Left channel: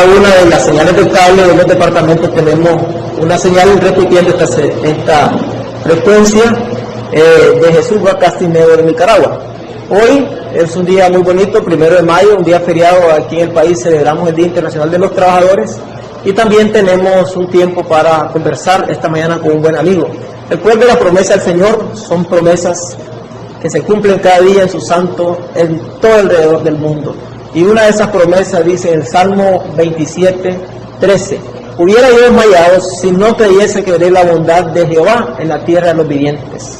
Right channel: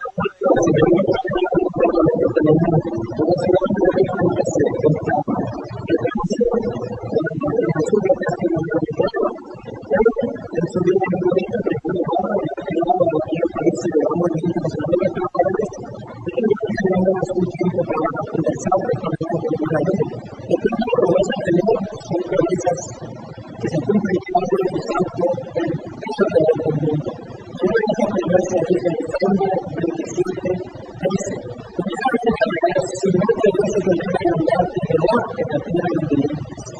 cada una de las señales del cable de los departamentos tenemos una señal repitiendo esta frecuencia de Jesús va Castinero de Nicaragua. Hoy es un día muy bonito, 1 de mayo, un día feriado aquí en el país, celebramos el Día Internacional de los Trabajadores y también tenemos un tiempo para conversar esta mañana con un buen amigo. Recuerde la promesa del Señor, son promesas que se cumplen cada día en su santo, en todo alrededor del mundo. Y una de esas promesas dice en el Salmo 27:13, hubiera yo desmayado si no creyese que veré la bondad de Jehová en la tierra de los vivientes.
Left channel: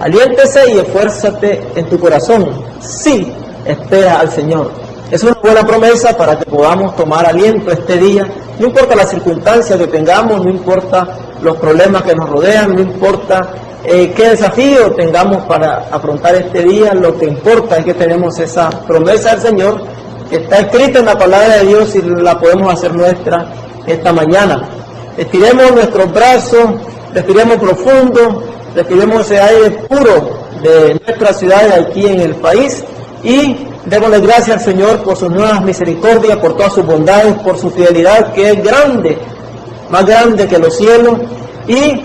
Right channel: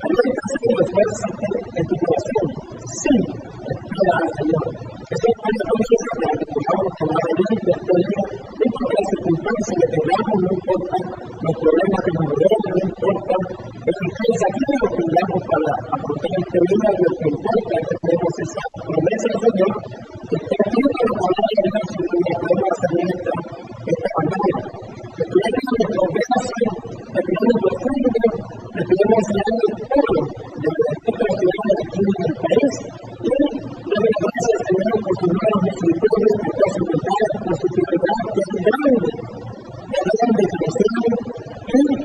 Aliéntese y esfuérzate en tu corazón, sí, espera al Señor. Es una buena promesa para que podamos tomar aliento este día, no importa la circunstancia que tengamos, no importa los problemas que nos rodean, no importa qué desafío tengamos para afrontar este día, lo que importa es que tenemos esa promesa del Señor que está escrita en la palabra de Dios y la podemos hacer nuestra esta mañana. Estiremos nuestros brazos, respiremos profundo, respiremos ese aire puro de nuestra ciudad aquí en el país y démosle gracias al Señor por sus nuevas misericordias, por todas sus bondades, por su fidelidad que es grande, más grande que los cielos, y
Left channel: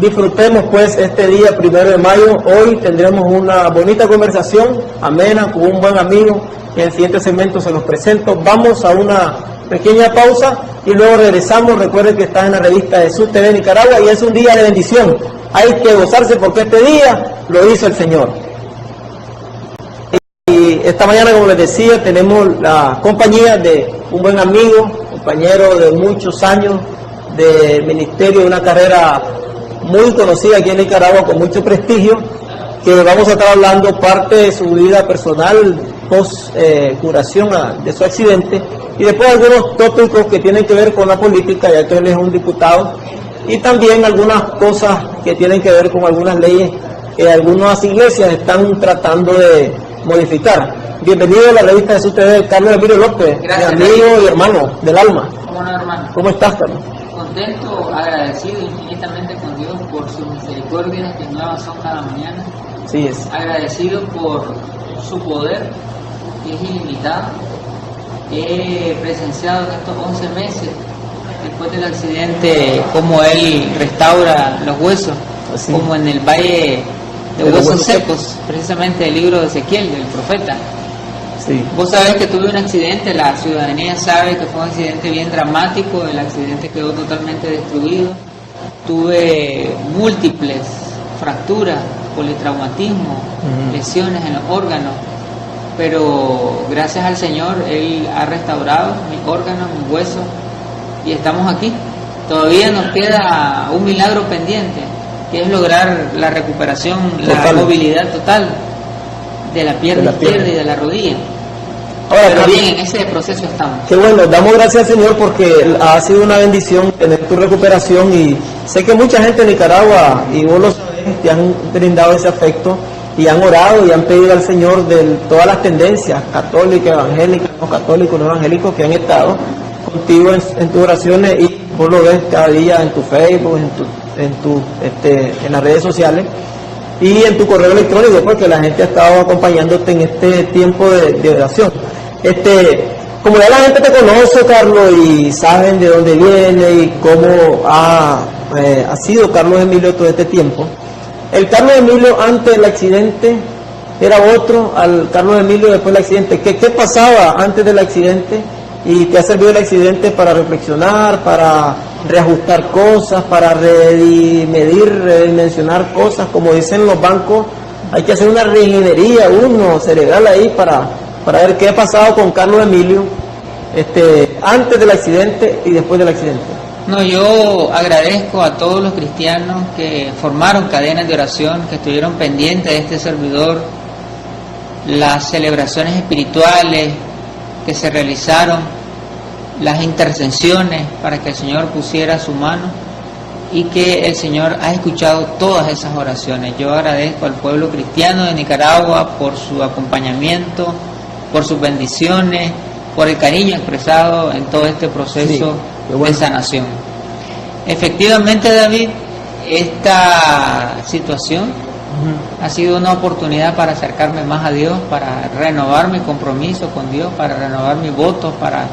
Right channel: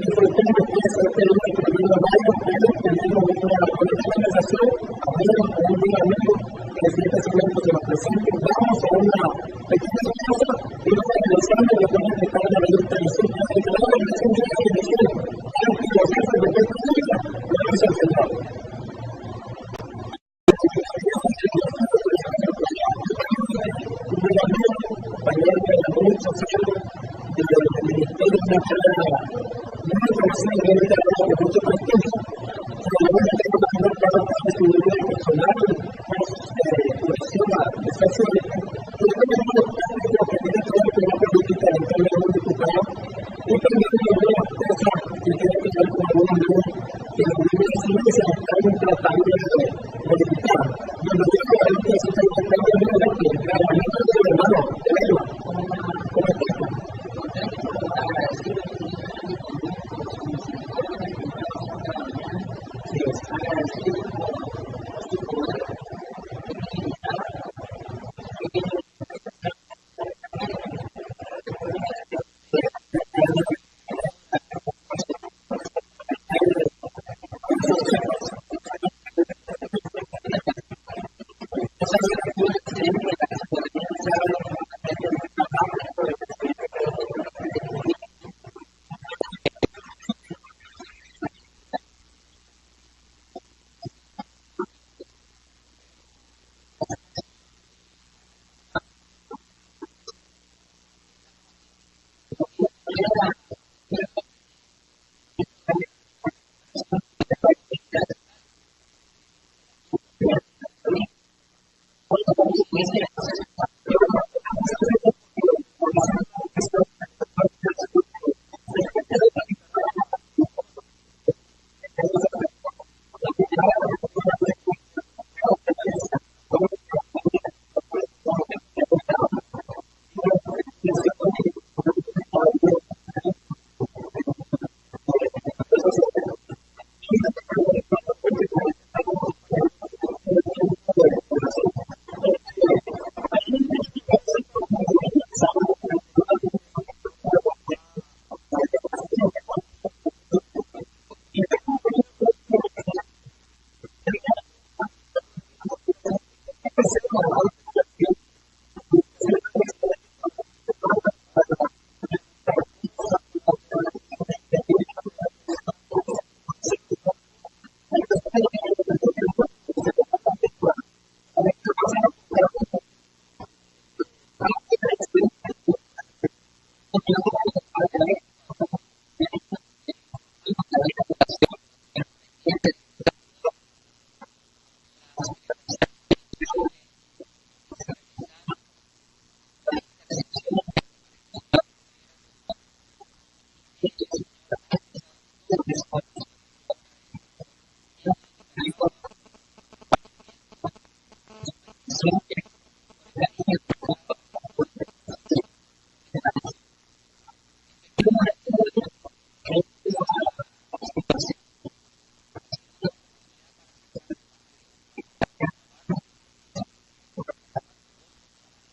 disfrutemos pues este día 1 de mayo. Hoy tendremos una bonita conversación amena con un buen amigo. En el siguiente segmento se los presento. Vamos a una pequeña pausa y luego regresamos. Recuerden que está en la revista Jesús TV Nicaragua y es un día de bendición. Hay que gozarse porque este día lo hizo el Señor. Y esta mañana, como les decía, tenemos la compañía de un buen amigo, compañero de muchos años de ministerio, de una carrera muy conocida aquí en Nicaragua, con mucho prestigio, que vamos a estar hablando parte de su vida personal post curación de su accidente y después algunos tópicos que tienen que ver con la política, ya que él es un diputado, y también algunas cosas que tienen que ver con algunas leyes que algunas iglesias están tratando de modificar. Bienvenido a la revista Jesús TV, Carlos Emilio López. Gracias, mi amigo y hermano del alma. ¿Cómo no, hermano? ¿Cómo estás, Carlos? Contento, agradecido infinitamente con Dios por sus misericordias que nuevas son cada mañana. Sí es. Agradecido por su poder que es ilimitado. He presenciado en estos 11 meses después del accidente cómo Él restaura los huesos, Así. como en el valle de huesos secos, precisamente el libro de Ezequiel, del profeta. Sí. Vos sabés que tuve un accidente, la ciudadanía sabe que fue un accidente bien dramático, el accidente quedó totalmente destruido, tuve múltiples fracturas, politraumatismo, lesiones en los órganos, pero gracias al Señor Él ha restaurado mis órganos, mis huesos y estamos aquí. Todavía nos queda un milagro pendiente, que es lograr la recuperación, la movilidad total de la pierna izquierda y de la rodilla. Ahora, pero Carlos, bien, en ese proceso estamos. Qué bueno, damos gracias al Señor porque ha sido una bendición tener tu recuperación y sé que mucha gente en Nicaragua, y vos lo sabés, te han brindado ese afecto y han orado y han pedido al Señor de todas las tendencias católicas, evangélicas, no católicos, no evangélicos, que han estado contigo en tus oraciones, y vos lo ves cada día en tu Facebook, en las redes sociales y en tu correo electrónico, porque la gente ha estado acompañándote en este tiempo de oración. Como ya la gente te conoce, Carlos, y saben de dónde viene y cómo ha sido Carlos Emilio todo este tiempo, el Carlos Emilio antes del accidente era otro al Carlos Emilio después del accidente. ¿Qué pasaba antes del accidente? ¿Y te ha servido el accidente para reflexionar, para reajustar cosas, para redimensionar cosas? Como dicen los bancos, hay que hacer una reingeniería cerebral ahí para ver qué ha pasado con Carlos Emilio antes del accidente y después del accidente. No, yo agradezco a todos los cristianos que formaron cadenas de oración, que estuvieron pendientes de este servidor, las celebraciones espirituales que se realizaron, las intercesiones para que el Señor pusiera su mano y que el Señor ha escuchado todas esas oraciones. Yo agradezco al pueblo cristiano de Nicaragua por su acompañamiento, por sus bendiciones, por el cariño expresado en todo este proceso de sanación. Efectivamente, David, esta situación ha sido una oportunidad para acercarme más a Dios, para renovar mi compromiso con Dios, para renovar mis votos, para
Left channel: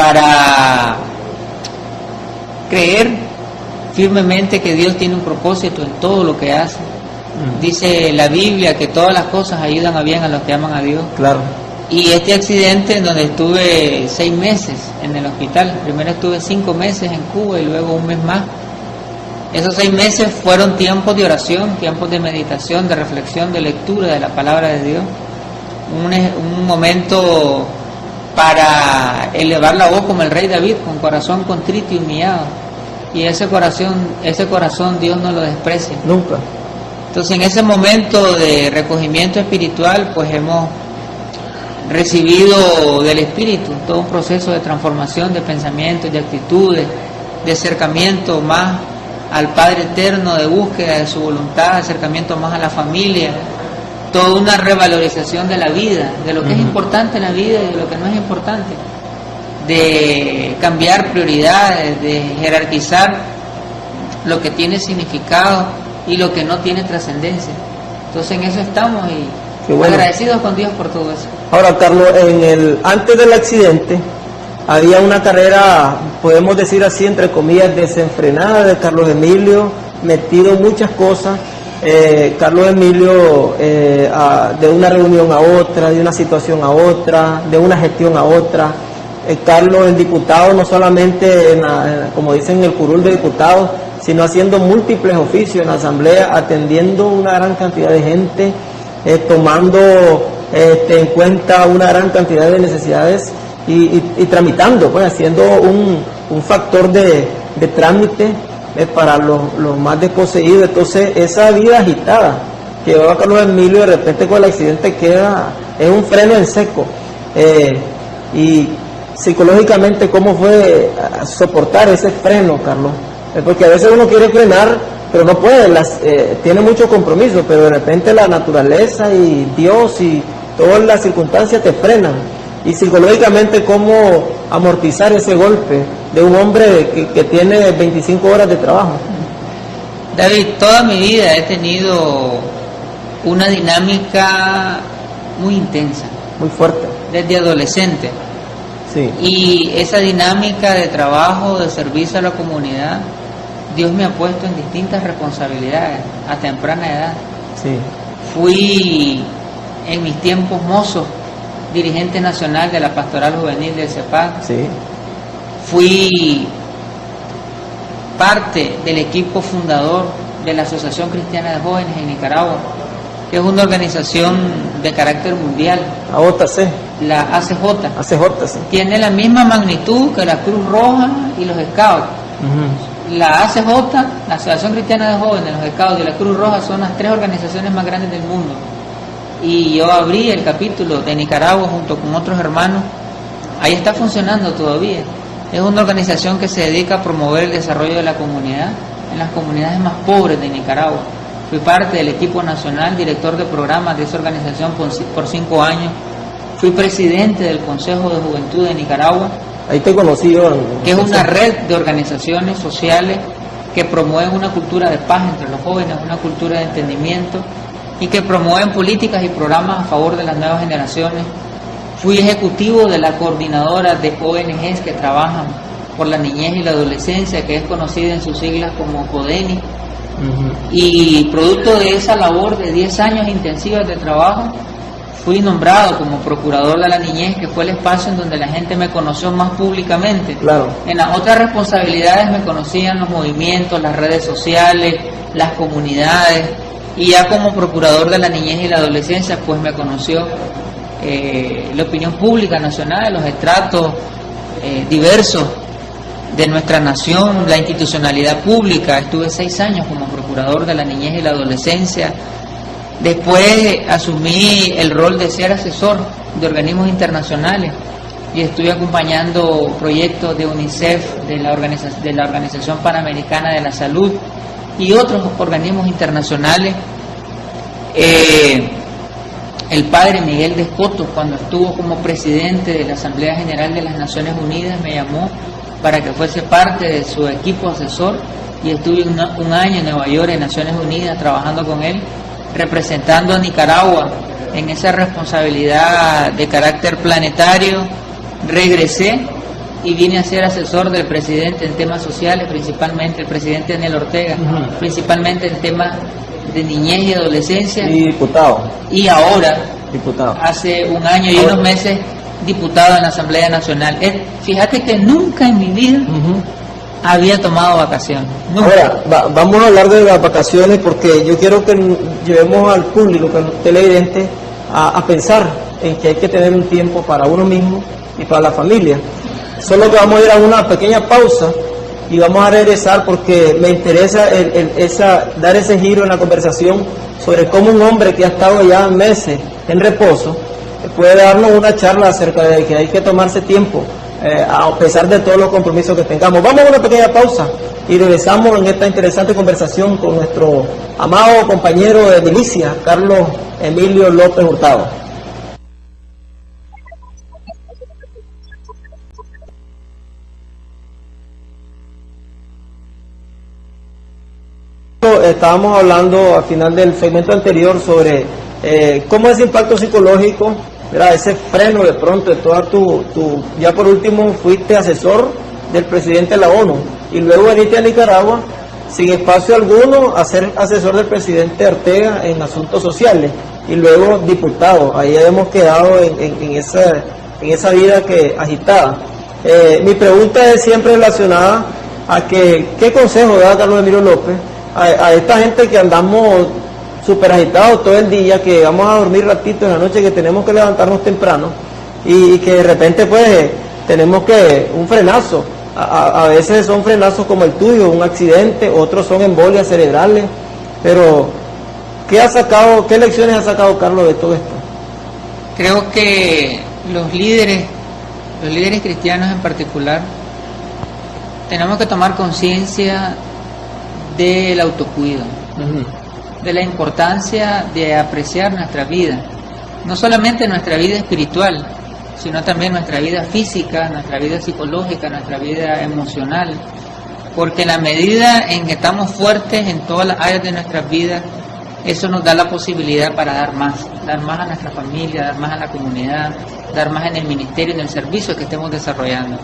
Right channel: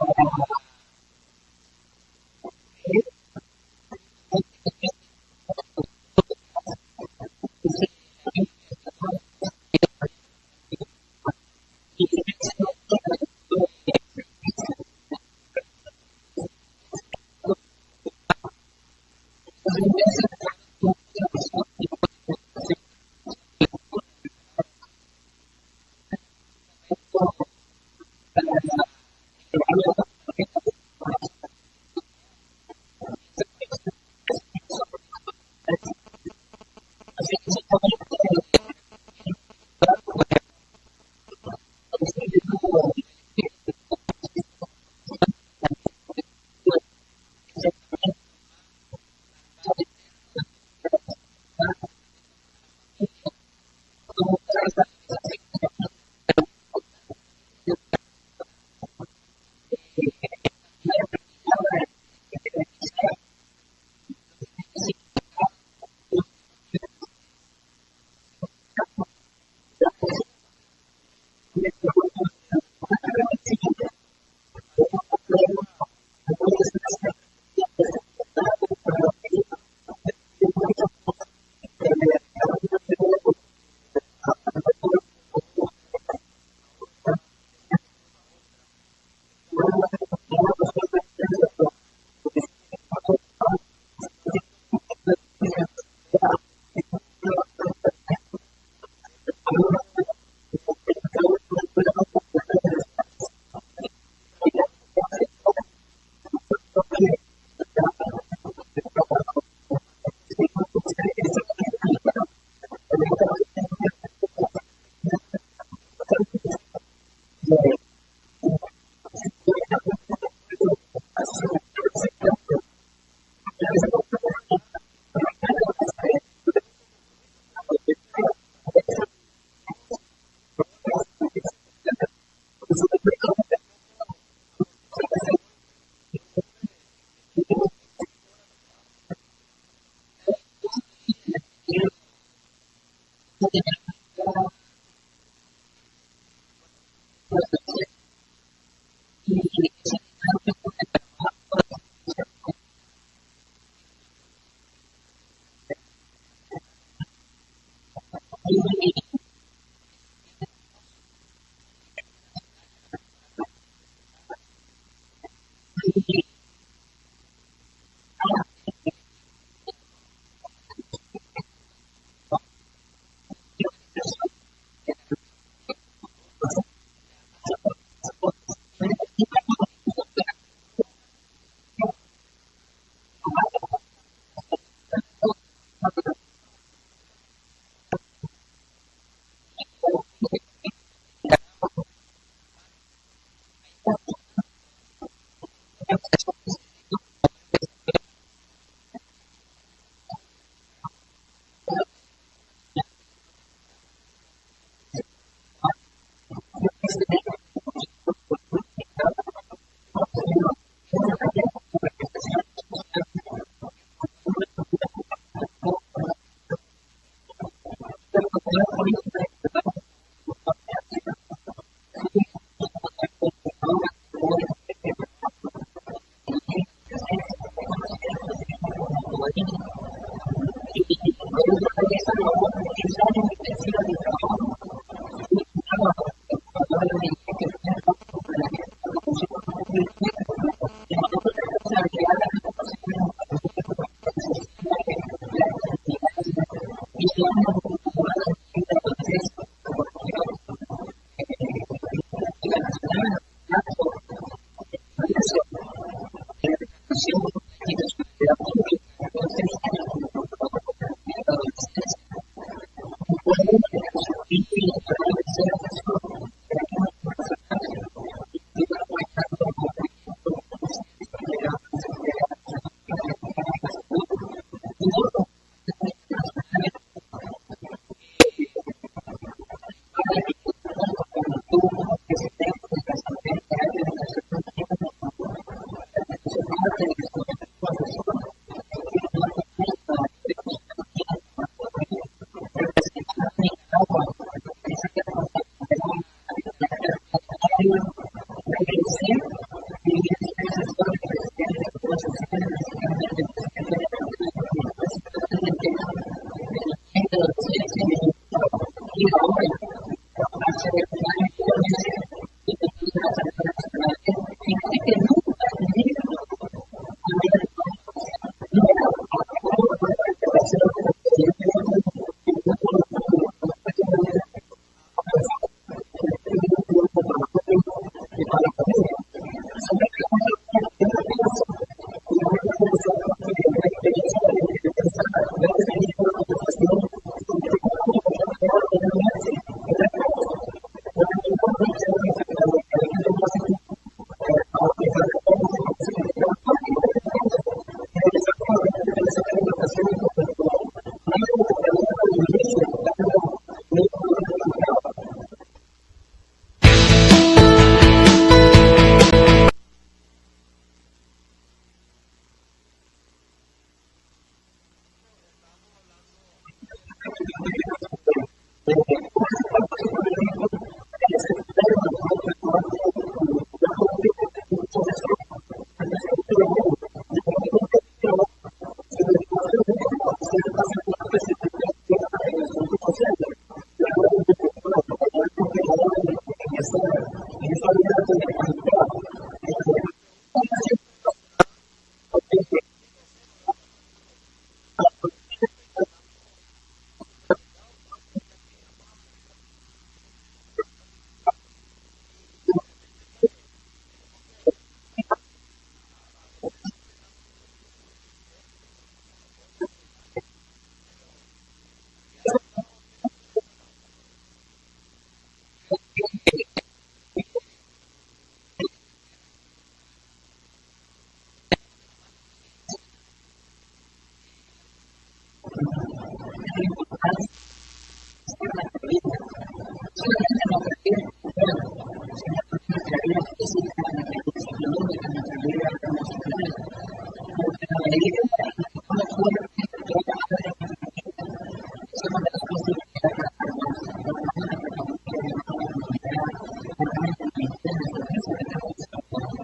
para creer firmemente que Dios tiene un propósito en todo lo que hace. Dice la Biblia que todas las cosas ayudan a bien a los que aman a Dios. Claro. Y este accidente en donde estuve 6 meses en el hospital, primero estuve 5 meses en Cuba y luego 1 mes más. Esos 6 meses fueron tiempos de oración, tiempos de meditación, de reflexión, de lectura de la palabra de Dios. Un momento para elevar la voz como el rey David, con corazón contrito y humillado. Y ese corazón Dios no lo desprecia. Nunca. Entonces, en ese momento de recogimiento espiritual, pues hemos recibido del Espíritu todo un proceso de transformación de pensamientos, de actitudes, de acercamiento más al Padre Eterno, de búsqueda de su voluntad, de acercamiento más a la familia, toda una revalorización de la vida, de lo que es importante en la vida y de lo que no es importante, de cambiar prioridades, de jerarquizar lo que tiene significado y lo que no tiene trascendencia. Entonces en eso estamos y bueno, agradecidos con Dios por todo eso. Ahora, Carlos, antes del accidente había una carrera, podemos decir así, entre comillas, desenfrenada de Carlos Emilio, metido en muchas cosas. Carlos Emilio, de una reunión a otra, de una situación a otra, de una gestión a otra. Carlos, el diputado, no solamente como dicen en el curul de diputados, sino haciendo múltiples oficios en la asamblea, atendiendo una gran cantidad de gente, tomando en cuenta una gran cantidad de necesidades y tramitando, pues haciendo un factor de trámite para los más desposeídos. Entonces esa vida agitada que llevaba Carlos Emilio, de repente con el accidente es un freno en seco. Y psicológicamente, ¿cómo fue soportar ese freno, Carlos? Porque a veces uno quiere frenar, pero no puede, tiene mucho compromiso, pero de repente la naturaleza y Dios y todas las circunstancias te frenan. Y psicológicamente, ¿cómo amortizar ese golpe de un hombre que tiene 25 horas de trabajo? David, toda mi vida he tenido una dinámica muy intensa. Muy fuerte. Desde adolescente. Sí. Y esa dinámica de trabajo, de servicio a la comunidad, Dios me ha puesto en distintas responsabilidades a temprana edad. Sí. Fui en mis tiempos mozos dirigente nacional de la Pastoral Juvenil del CEPAC. Sí. Fui parte del equipo fundador de la Asociación Cristiana de Jóvenes en Nicaragua, que es una organización de carácter mundial. AJC. La ACJ. ACJ, sí. Tiene la misma magnitud que la Cruz Roja y los Scouts. La ACJ, la Asociación Cristiana de Jóvenes, los Scouts y la Cruz Roja son las 3 organizaciones más grandes del mundo. Y yo abrí el capítulo de Nicaragua junto con otros hermanos. Ahí está funcionando todavía. Es una organización que se dedica a promover el desarrollo de la comunidad en las comunidades más pobres de Nicaragua. Fui parte del equipo nacional, director de programas de esa organización por 5 años. Fui presidente del Consejo de Juventud de Nicaragua. Ahí te conocí yo. Que es una red de organizaciones sociales que promueven una cultura de paz entre los jóvenes, una cultura de entendimiento y que promueven políticas y programas a favor de las nuevas generaciones. Fui ejecutivo de la coordinadora de ONGs que trabajan por la niñez y la adolescencia, que es conocida en sus siglas como CODENI. Y producto de esa labor de 10 años intensivas de trabajo, fui nombrado como procurador de la niñez, que fue el espacio en donde la gente me conoció más públicamente. Claro. En las otras responsabilidades me conocían los movimientos, las redes sociales, las comunidades, y ya como procurador de la niñez y la adolescencia, pues me conoció la opinión pública nacional, los estratos diversos de nuestra nación, la institucionalidad pública. Estuve 6 años como procurador de la niñez y la adolescencia. Después asumí el rol de ser asesor de organismos internacionales y estuve acompañando proyectos de UNICEF, de la Organización Panamericana de la Salud y otros organismos internacionales. El padre Miguel de Escoto, cuando estuvo como presidente de la Asamblea General de las Naciones Unidas, me llamó para que fuese parte de su equipo asesor y estuve un año en Nueva York, en Naciones Unidas, trabajando con él, representando a Nicaragua en esa responsabilidad de carácter planetario. Regresé y vine a ser asesor del presidente en temas sociales, principalmente el presidente Daniel Ortega, principalmente en temas de niñez y adolescencia. Y diputado. Y ahora, diputado, hace un año y unos meses, diputado en la Asamblea Nacional. Fíjate que nunca en mi vida había tomado vacaciones. Nunca. Ahora, vamos a hablar de las vacaciones porque yo quiero que llevemos al público, que al televidente, a pensar en que hay que tener un tiempo para uno mismo y para la familia. Solo que vamos a ir a una pequeña pausa y vamos a regresar porque me interesa dar ese giro en la conversación sobre cómo un hombre que ha estado ya meses en reposo puede darnos una charla acerca de que hay que tomarse tiempo a pesar de todos los compromisos que tengamos. Vamos a una pequeña pausa y regresamos en esta interesante conversación con nuestro amado compañero de milicia, Carlos Emilio López Hurtado. Estábamos hablando al final del segmento anterior sobre cómo ese impacto psicológico, ¿verdad? Ese freno de pronto de toda ya por último fuiste asesor del presidente de la ONU y luego veniste a Nicaragua sin espacio alguno a ser asesor del presidente Ortega en asuntos sociales y luego diputado. Ahí hemos quedado en esa vida agitada. Mi pregunta es siempre relacionada a ¿qué consejo da Carlos Emilio López a esta gente que andamos súper agitados todo el día, que vamos a dormir ratito en la noche, que tenemos que levantarnos temprano y que de repente pues tenemos un frenazo? A veces son frenazos como el tuyo, un accidente, otros son embolias cerebrales, pero ¿qué lecciones ha sacado Carlos de todo esto? Creo que los líderes cristianos en particular, tenemos que tomar conciencia del autocuido, de la importancia de apreciar nuestra vida, no solamente nuestra vida espiritual, sino también nuestra vida física, nuestra vida psicológica, nuestra vida emocional, porque en la medida en que estamos fuertes en todas las áreas de nuestras vidas, eso nos da la posibilidad para dar más a nuestra familia, dar más a la comunidad, dar más en el ministerio, en el servicio que estemos desarrollando.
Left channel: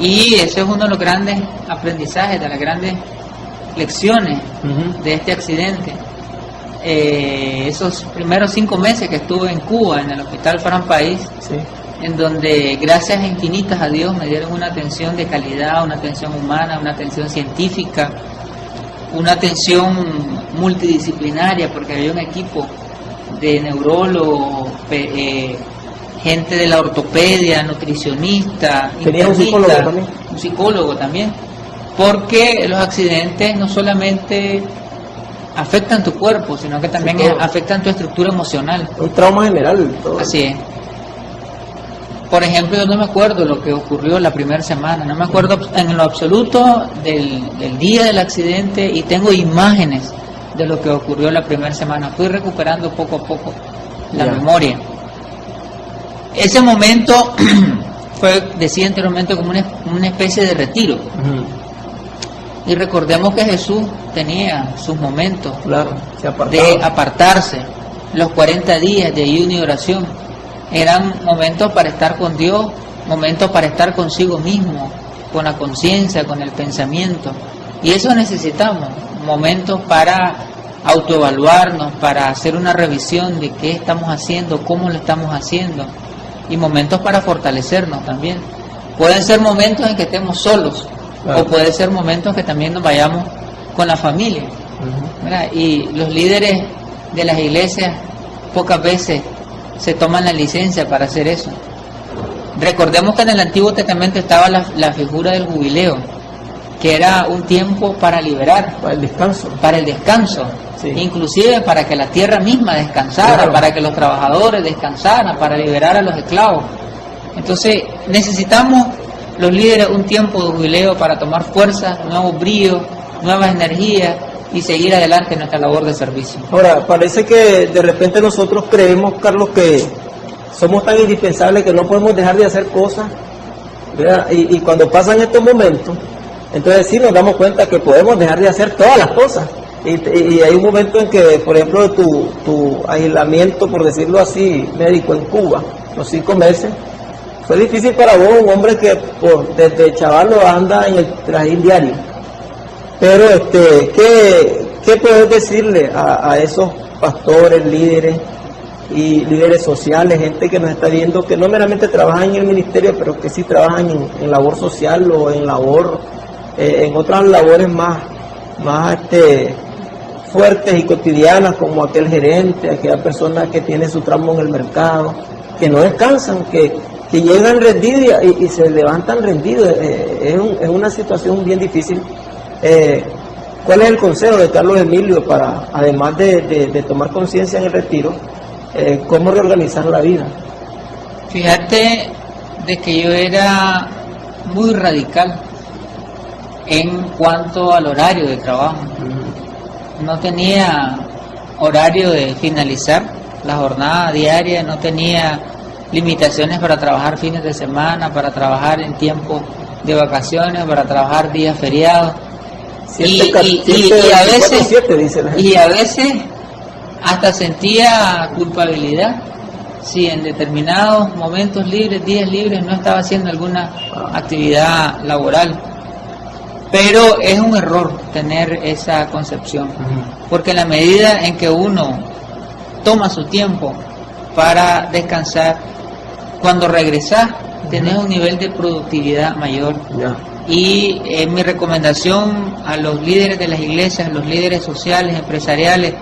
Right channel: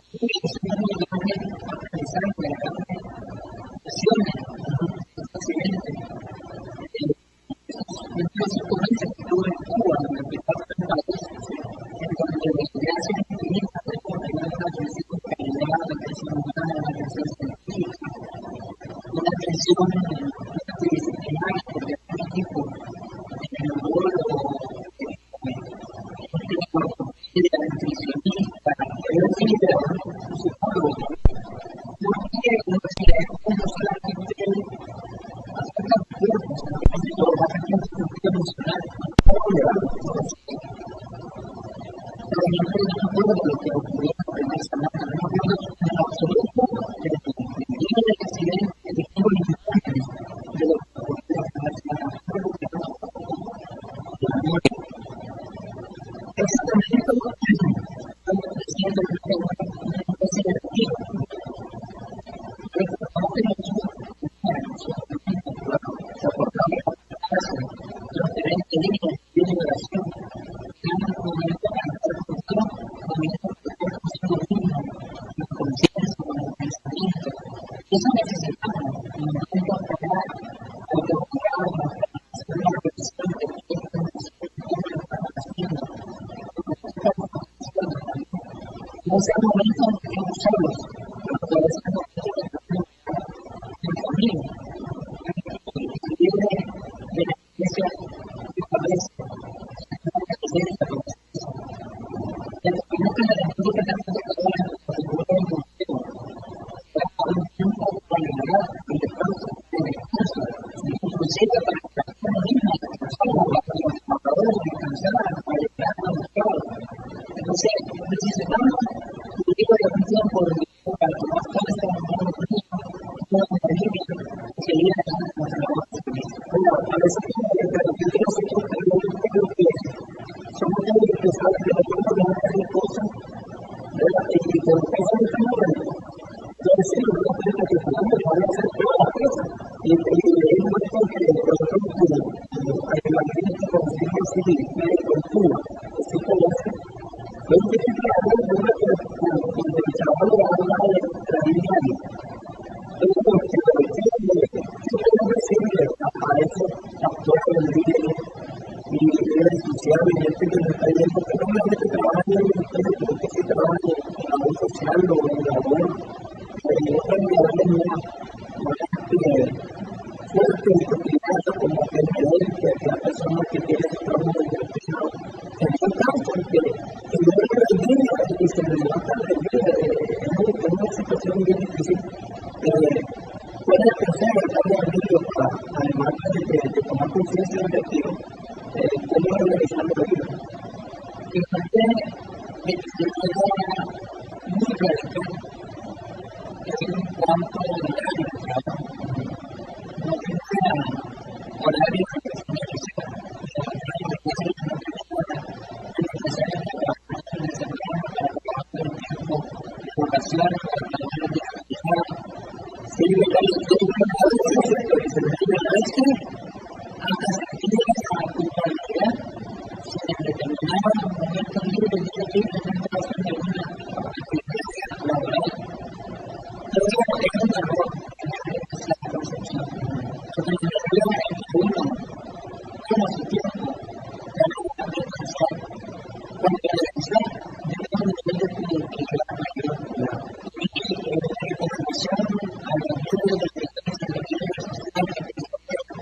Y eso es uno de los grandes aprendizajes, de las grandes lecciones de este accidente. Esos primeros 5 meses que estuve en Cuba, en el Hospital Farán País, sí, en donde gracias infinitas a Dios me dieron una atención de calidad, una atención humana, una atención científica, una atención multidisciplinaria, porque había un equipo de neurólogos, gente de la ortopedia, nutricionista, ¿tenía un psicólogo también? Un psicólogo también, porque los accidentes no solamente afectan tu cuerpo, sino que también afectan tu estructura emocional. Un trauma general. Todo. Así es. Por ejemplo, yo no me acuerdo lo que ocurrió la primera semana, no me acuerdo en lo absoluto del día del accidente, y tengo imágenes de lo que ocurrió la primera semana. Fui recuperando poco a poco la memoria. Ese momento fue, decía anteriormente, como una especie de retiro. Y recordemos que Jesús tenía sus momentos de apartarse. Los 40 días de ayuno y oración eran momentos para estar con Dios, momentos para estar consigo mismo, con la conciencia, con el pensamiento. Y eso necesitamos, momentos para autoevaluarnos, para hacer una revisión de qué estamos haciendo, cómo lo estamos haciendo, y momentos para fortalecernos también. Pueden ser momentos en que estemos solos, o puede ser momentos que también nos vayamos con la familia. Y los líderes de las iglesias pocas veces se toman la licencia para hacer eso. Recordemos que en el Antiguo Testamento estaba la figura del jubileo, que era un tiempo para liberar, para el descanso, sí, inclusive para que la tierra misma descansara, para que los trabajadores descansaran, para liberar a los esclavos. Entonces necesitamos los líderes un tiempo de jubileo para tomar fuerza, nuevos bríos, nuevas energías y seguir adelante en nuestra labor de servicio. Ahora, parece que de repente nosotros creemos, Carlos, que somos tan indispensables que no podemos dejar de hacer cosas, ¿verdad? Y cuando pasan estos momentos, entonces sí nos damos cuenta que podemos dejar de hacer todas las cosas. Y hay un momento en que, por ejemplo, tu aislamiento, por decirlo así, médico en Cuba, los 5 meses, Fue difícil para vos, un hombre que desde chavalo anda en el trajín diario. Pero ¿qué puedes decirle a esos pastores, líderes y líderes sociales, gente que nos está viendo, que no meramente trabajan en el ministerio, pero que sí trabajan en labor social o en labor, en otras labores más fuertes y cotidianas, como aquel gerente, aquella persona que tiene su tramo en el mercado, que no descansan, que llegan rendidos y se levantan rendidos? Es una situación bien difícil. ¿Cuál es el consejo de Carlos Emilio para, además de tomar conciencia en el retiro, cómo reorganizar la vida? Fíjate de que yo era muy radical en cuanto al horario de trabajo. No tenía horario de finalizar la jornada diaria, no tenía limitaciones para trabajar fines de semana, para trabajar en tiempos de vacaciones, para trabajar días feriados. Y a veces hasta sentía culpabilidad si en determinados momentos libres, días libres, no estaba haciendo alguna actividad laboral. Pero es un error tener esa concepción, porque en la medida en que uno toma su tiempo para descansar, cuando regresás tenés un nivel de productividad mayor. Y mi recomendación a los líderes de las iglesias, los líderes sociales, empresariales,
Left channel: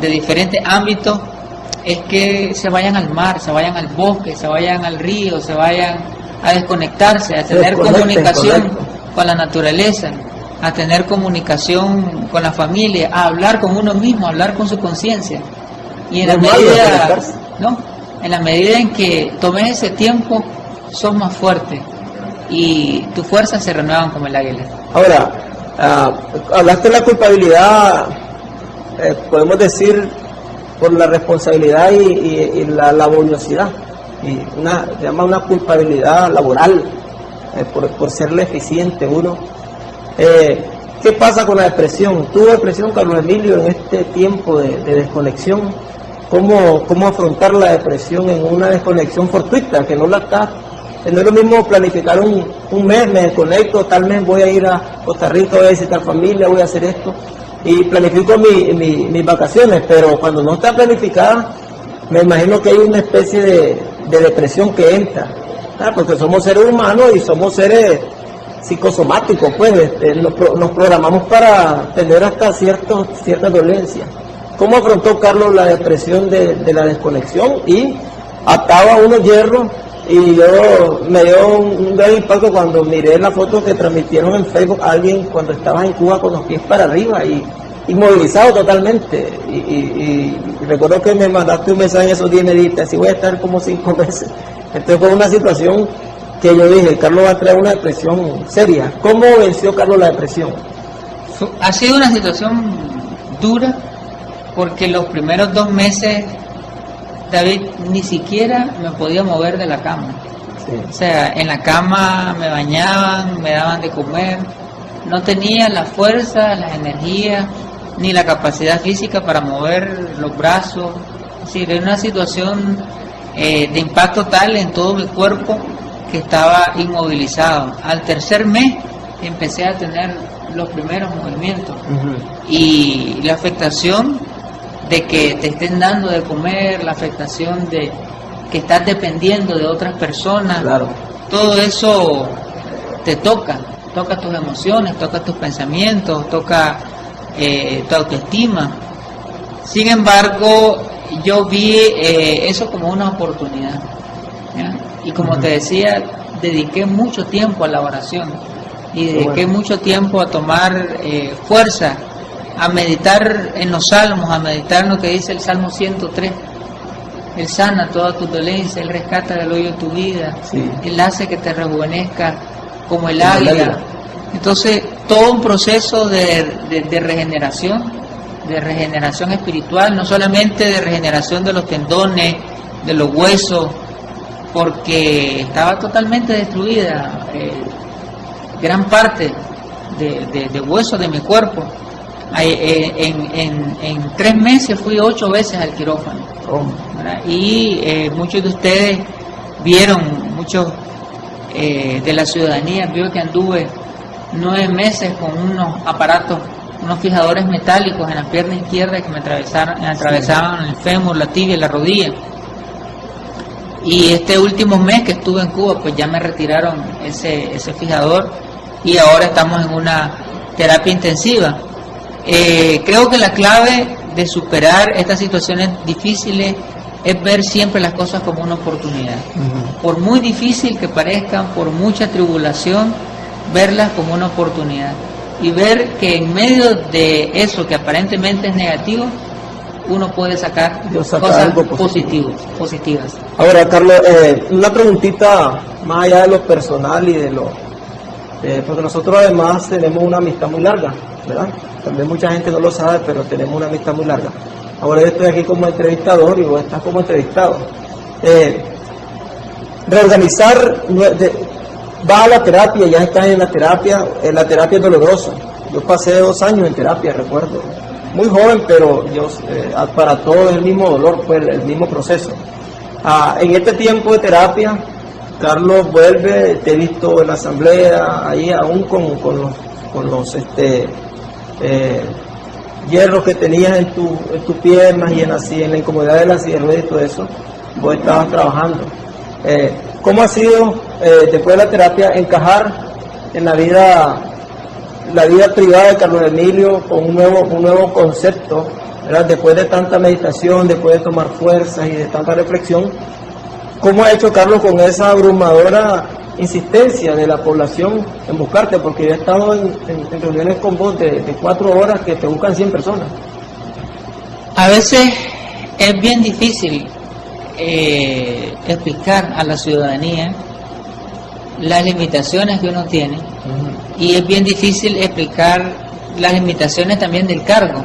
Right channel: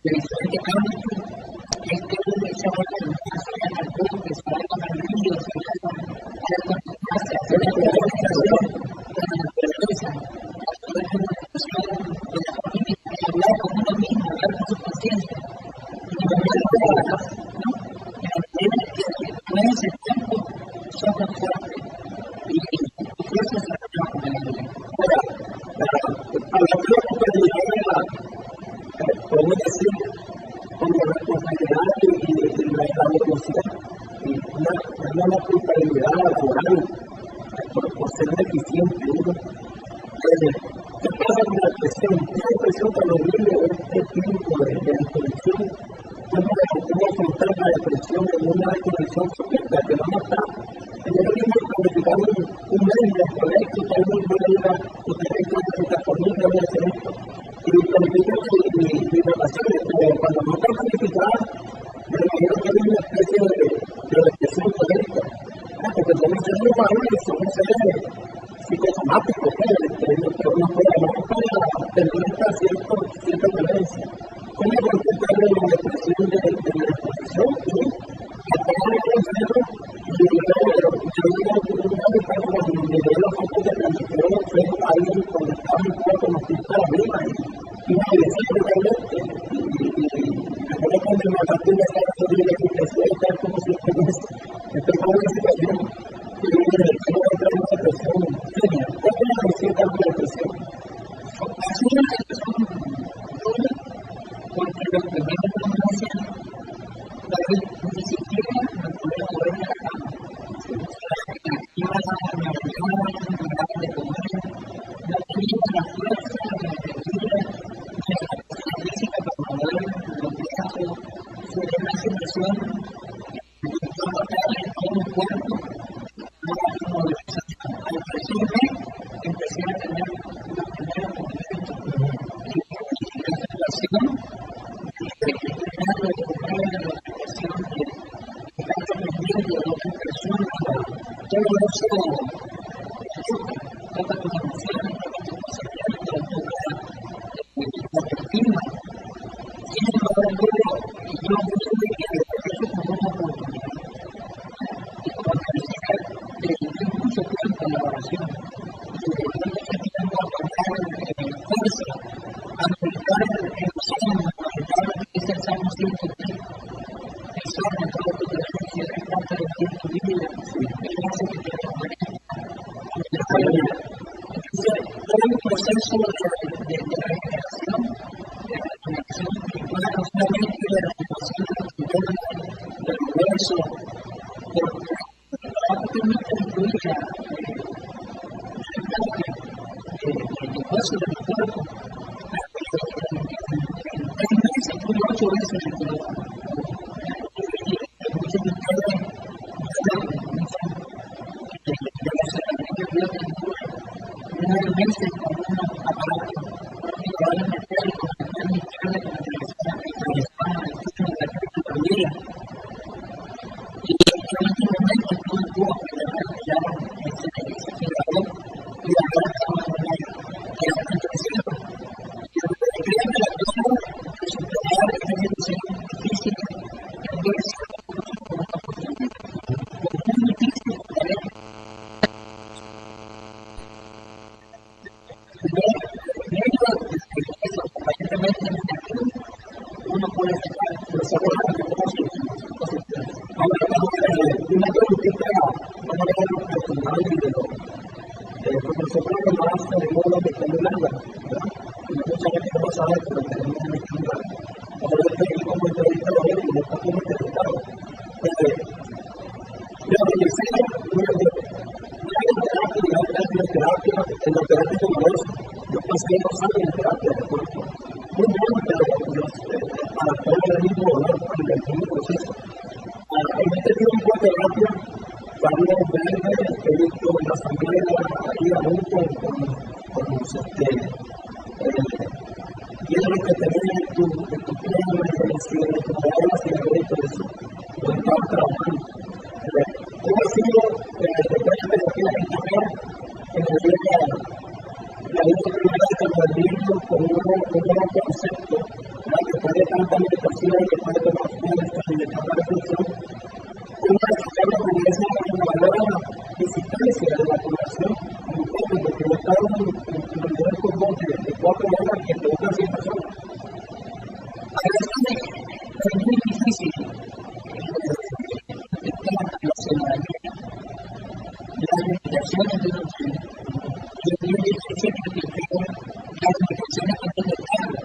de diferentes ámbitos, es que se vayan al mar, se vayan al bosque, se vayan al río, se vayan a desconectarse, a tener comunicación con la naturaleza, a tener comunicación con la familia, a hablar con uno mismo, a hablar con su conciencia. Y en la medida en que tomes ese tiempo, sos más fuerte y tus fuerzas se renuevan como el águila. Ahora, hablaste de la culpabilidad, podemos decir, por la responsabilidad y la laboriosidad, y se llama una culpabilidad laboral, por serle eficiente uno. ¿Qué pasa con la depresión? ¿Tuvo depresión Carlos Emilio en este tiempo de desconexión? ¿Cómo afrontar la depresión en una desconexión fortuita, que no la está? No es lo mismo planificar un mes, me desconecto, tal mes voy a ir a Costa Rica, voy a visitar familia, voy a hacer esto, y planifico mis vacaciones, pero cuando no está planificada, me imagino que hay una especie de depresión que entra, porque somos seres humanos y somos seres psicosomáticos, pues nos programamos para tener hasta ciertas dolencias. ¿Cómo afrontó Carlos la depresión de la desconexión? Y ataba unos hierros, y me dio un gran impacto cuando miré la foto que transmitieron en Facebook a alguien cuando estabas en Cuba con los pies para arriba y inmovilizado totalmente. Y recuerdo que me mandaste un mensaje en esos días y me dijiste, así voy a estar como 5 meses. Entonces fue una situación que yo dije, Carlos va a entrar en una depresión seria. ¿Cómo venció Carlos la depresión? Ha sido una situación dura, porque los primeros 2 meses, David, ni siquiera me podía mover de la cama. Sí. O sea, en la cama me bañaban, me daban de comer, no tenía la fuerza, las energías, ni la capacidad física para mover los brazos. Es decir, era una situación de impacto tal en todo mi cuerpo que estaba inmovilizado. Al 3er mes empecé a tener los primeros movimientos. Y la afectación de que te estén dando de comer, la afectación de que estás dependiendo de otras personas, todo eso te toca tus emociones, toca tus pensamientos, toca tu autoestima. Sin embargo, yo vi eso como una oportunidad, ¿ya? Y como te decía, dediqué mucho tiempo a la oración y dediqué mucho tiempo a tomar fuerza, a meditar en los salmos, a meditar en lo que dice el Salmo 103. Él sana toda tu dolencia, Él rescata del hoyo tu vida, Él hace que te rejuvenezca como el águila. Entonces, todo un proceso de regeneración espiritual, no solamente de regeneración de los tendones, de los huesos, porque estaba totalmente destruida gran parte de huesos de mi cuerpo. En 3 meses fui 8 veces al quirófano, y muchos de ustedes vieron muchos de la ciudadanía, vio que anduve 9 meses con unos aparatos, unos fijadores metálicos en la pierna izquierda que me atravesaban el fémur, la tibia y la rodilla. Y este último mes que estuve en Cuba, pues ya me retiraron ese fijador y ahora estamos en una terapia intensiva. Creo que la clave de superar estas situaciones difíciles es ver siempre las cosas como una oportunidad. Por muy difícil que parezcan, por mucha tribulación, verlas como una oportunidad y ver que en medio de eso que aparentemente es negativo, uno puede sacar cosas positivas. Ahora, Carlos, una preguntita más allá de lo personal y de lo... porque nosotros además tenemos una amistad muy larga, ¿verdad? Tal vez mucha gente no lo sabe, pero tenemos una amistad muy larga. Ahora yo estoy aquí como entrevistador y vos estás como entrevistado. Reorganizar, vas a la terapia, ya estás en la terapia es dolorosa. Yo pasé 2 años en terapia, recuerdo. Muy joven, pero para todos el mismo dolor, pues el mismo proceso. En este tiempo de terapia, Carlos vuelve, te he visto en la asamblea, ahí aún con los hierros que tenías en tus piernas y en la incomodidad de la silla de ruedas y todo eso, vos estabas trabajando. ¿Cómo ha sido, después de la terapia, encajar en la vida privada de Carlos Emilio con un nuevo concepto, ¿verdad? Después de tanta meditación, después de tomar fuerzas y de tanta reflexión? ¿Cómo ha hecho Carlos con esa abrumadora insistencia de la población en buscarte? Porque yo he estado en reuniones con vos de 4 horas que te buscan 100 personas. A veces es bien difícil explicar a la ciudadanía las limitaciones que uno tiene, y es bien difícil explicar las limitaciones también del cargo,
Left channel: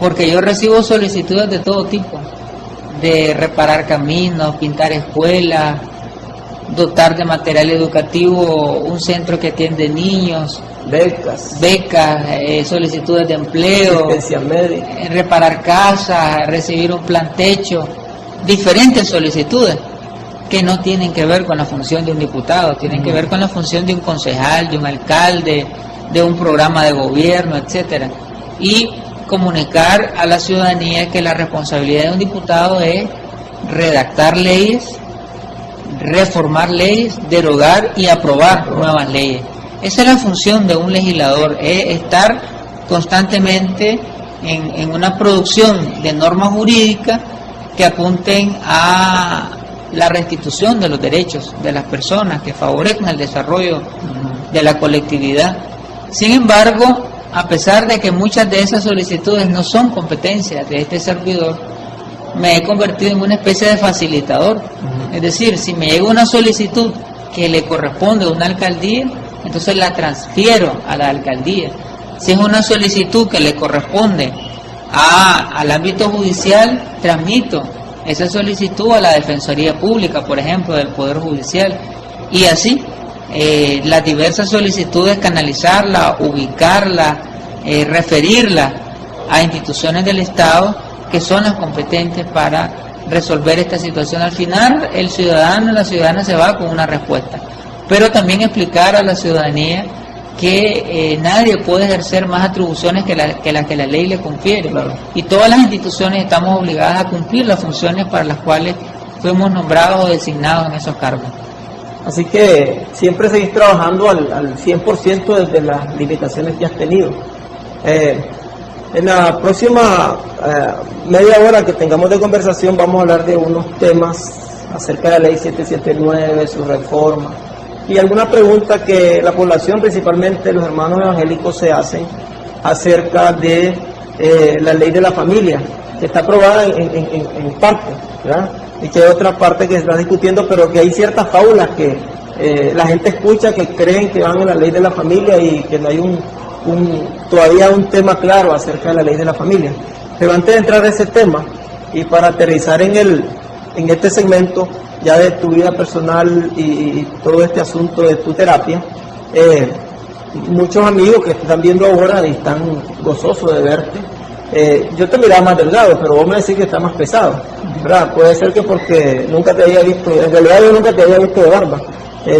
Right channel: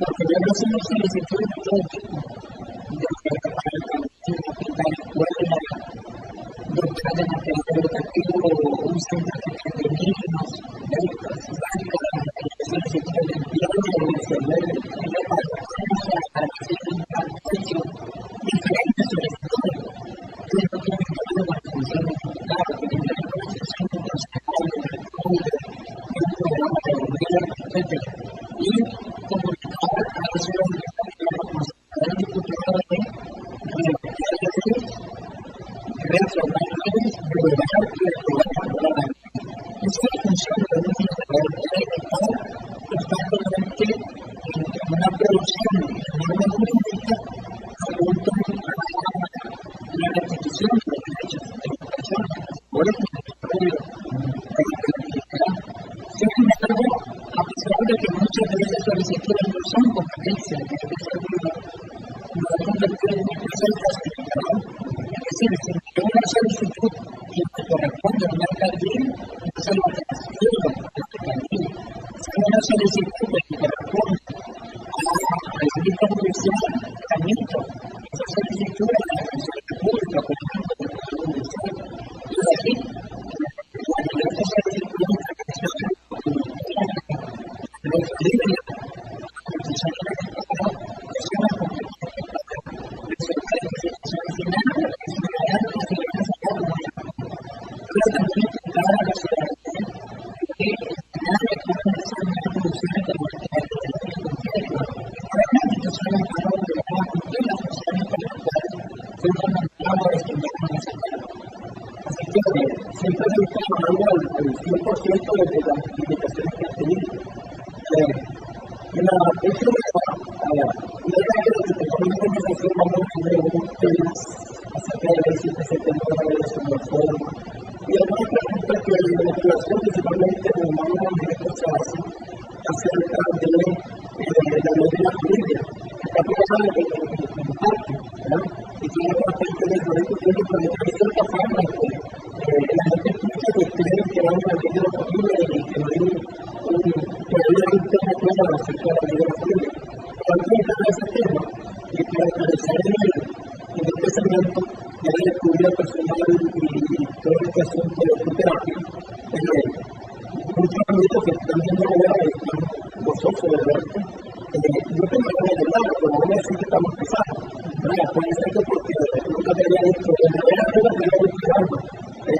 porque yo recibo solicitudes de todo tipo, de reparar caminos, pintar escuelas, dotar de material educativo un centro que atiende niños, becas, solicitudes de empleo, asistencia médica, reparar casas, recibir un plan techo, diferentes solicitudes que no tienen que ver con la función de un diputado, tienen que ver con la función de un concejal, de un alcalde, de un programa de gobierno, etcétera. Y comunicar a la ciudadanía que la responsabilidad de un diputado es redactar leyes, reformar leyes, derogar y aprobar nuevas leyes. Esa es la función de un legislador, es estar constantemente en una producción de normas jurídicas que apunten a la restitución de los derechos de las personas, que favorezcan el desarrollo de la colectividad. Sin embargo, a pesar de que muchas de esas solicitudes no son competencias de este servidor, me he convertido en una especie de facilitador. Es decir, si me llega una solicitud que le corresponde a una alcaldía, entonces la transfiero a la alcaldía. Si es una solicitud que le corresponde al ámbito judicial, transmito esa solicitud a la Defensoría Pública, por ejemplo, del Poder Judicial, y así las diversas solicitudes canalizarlas, ubicarlas, referirlas a instituciones del Estado que son las competentes para resolver esta situación. Al final el ciudadano, la ciudadana se va con una respuesta, pero también explicar a la ciudadanía que nadie puede ejercer más atribuciones que las que la ley le confiere. Claro. Y todas las instituciones estamos obligadas a cumplir las funciones para las cuales fuimos nombrados o designados en esos cargos. Así que siempre seguís trabajando al 100% desde las limitaciones que has tenido. En la próxima media hora que tengamos de conversación vamos a hablar de unos temas acerca de la ley 779, su reforma, y algunas preguntas que la población, principalmente los hermanos evangélicos, se hacen acerca de la ley de la familia, que está aprobada en parte, ¿verdad? Y que hay otras partes que se están discutiendo, pero que hay ciertas fábulas que la gente escucha, que creen que van en la ley de la familia y que no hay todavía un tema claro acerca de la ley de la familia. Pero antes de entrar a ese tema, y para aterrizar en este segmento ya de tu vida personal y todo este asunto de tu terapia, muchos amigos que te están viendo ahora y están gozosos de verte, yo te miraba más delgado, pero vos me decís que está más pesado, ¿verdad? Puede ser que porque nunca te había visto, en realidad yo nunca te había visto de barba,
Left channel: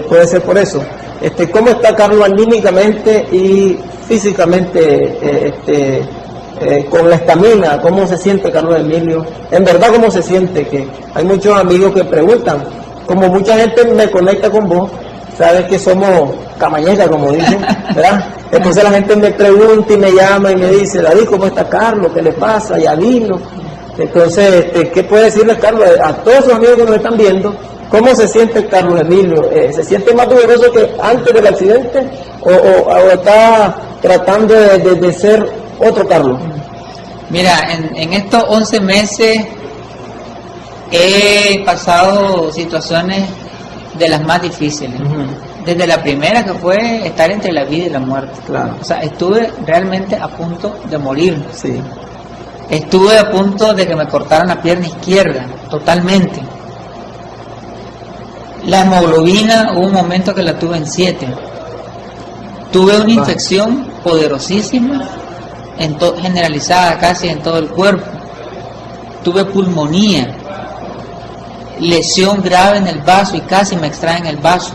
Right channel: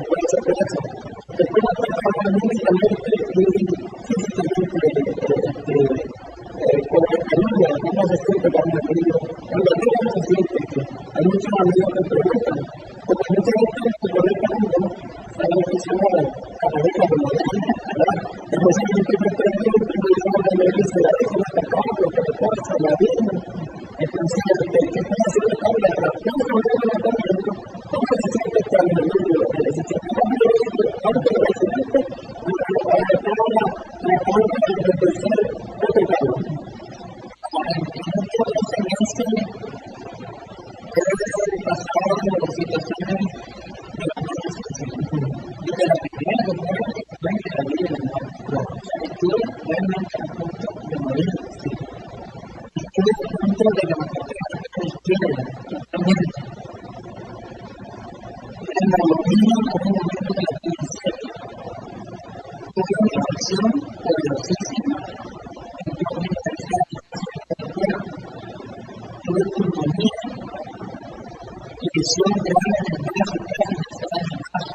puede ser por eso. ¿Cómo está Carlos anímicamente y físicamente, con la estamina? ¿Cómo se siente Carlos Emilio? En verdad, ¿cómo se siente? Que hay muchos amigos que preguntan, como mucha gente me conecta con vos, sabes que somos camañecas, como dicen, ¿verdad? Entonces la gente me pregunta y me llama y me dice, David, ¿cómo está Carlos? ¿Qué le pasa? ¿Ya vino? Entonces, ¿qué puede decirles, Carlos, a todos sus amigos que nos están viendo? ¿Cómo se siente Carlos Emilio? ¿Se siente más vigoroso que antes del accidente o está tratando de ser otro Carlos? Mira, en estos 11 meses he pasado situaciones de las más difíciles. Desde la primera, que fue estar entre la vida y la muerte. Claro. O sea, estuve realmente a punto de morir. Sí. Estuve a punto de que me cortaran la pierna izquierda, totalmente. La hemoglobina, hubo un momento que la tuve en 7. Tuve una infección poderosísima, generalizada casi en todo el cuerpo. Tuve pulmonía, lesión grave en el vaso y casi me extraen el vaso.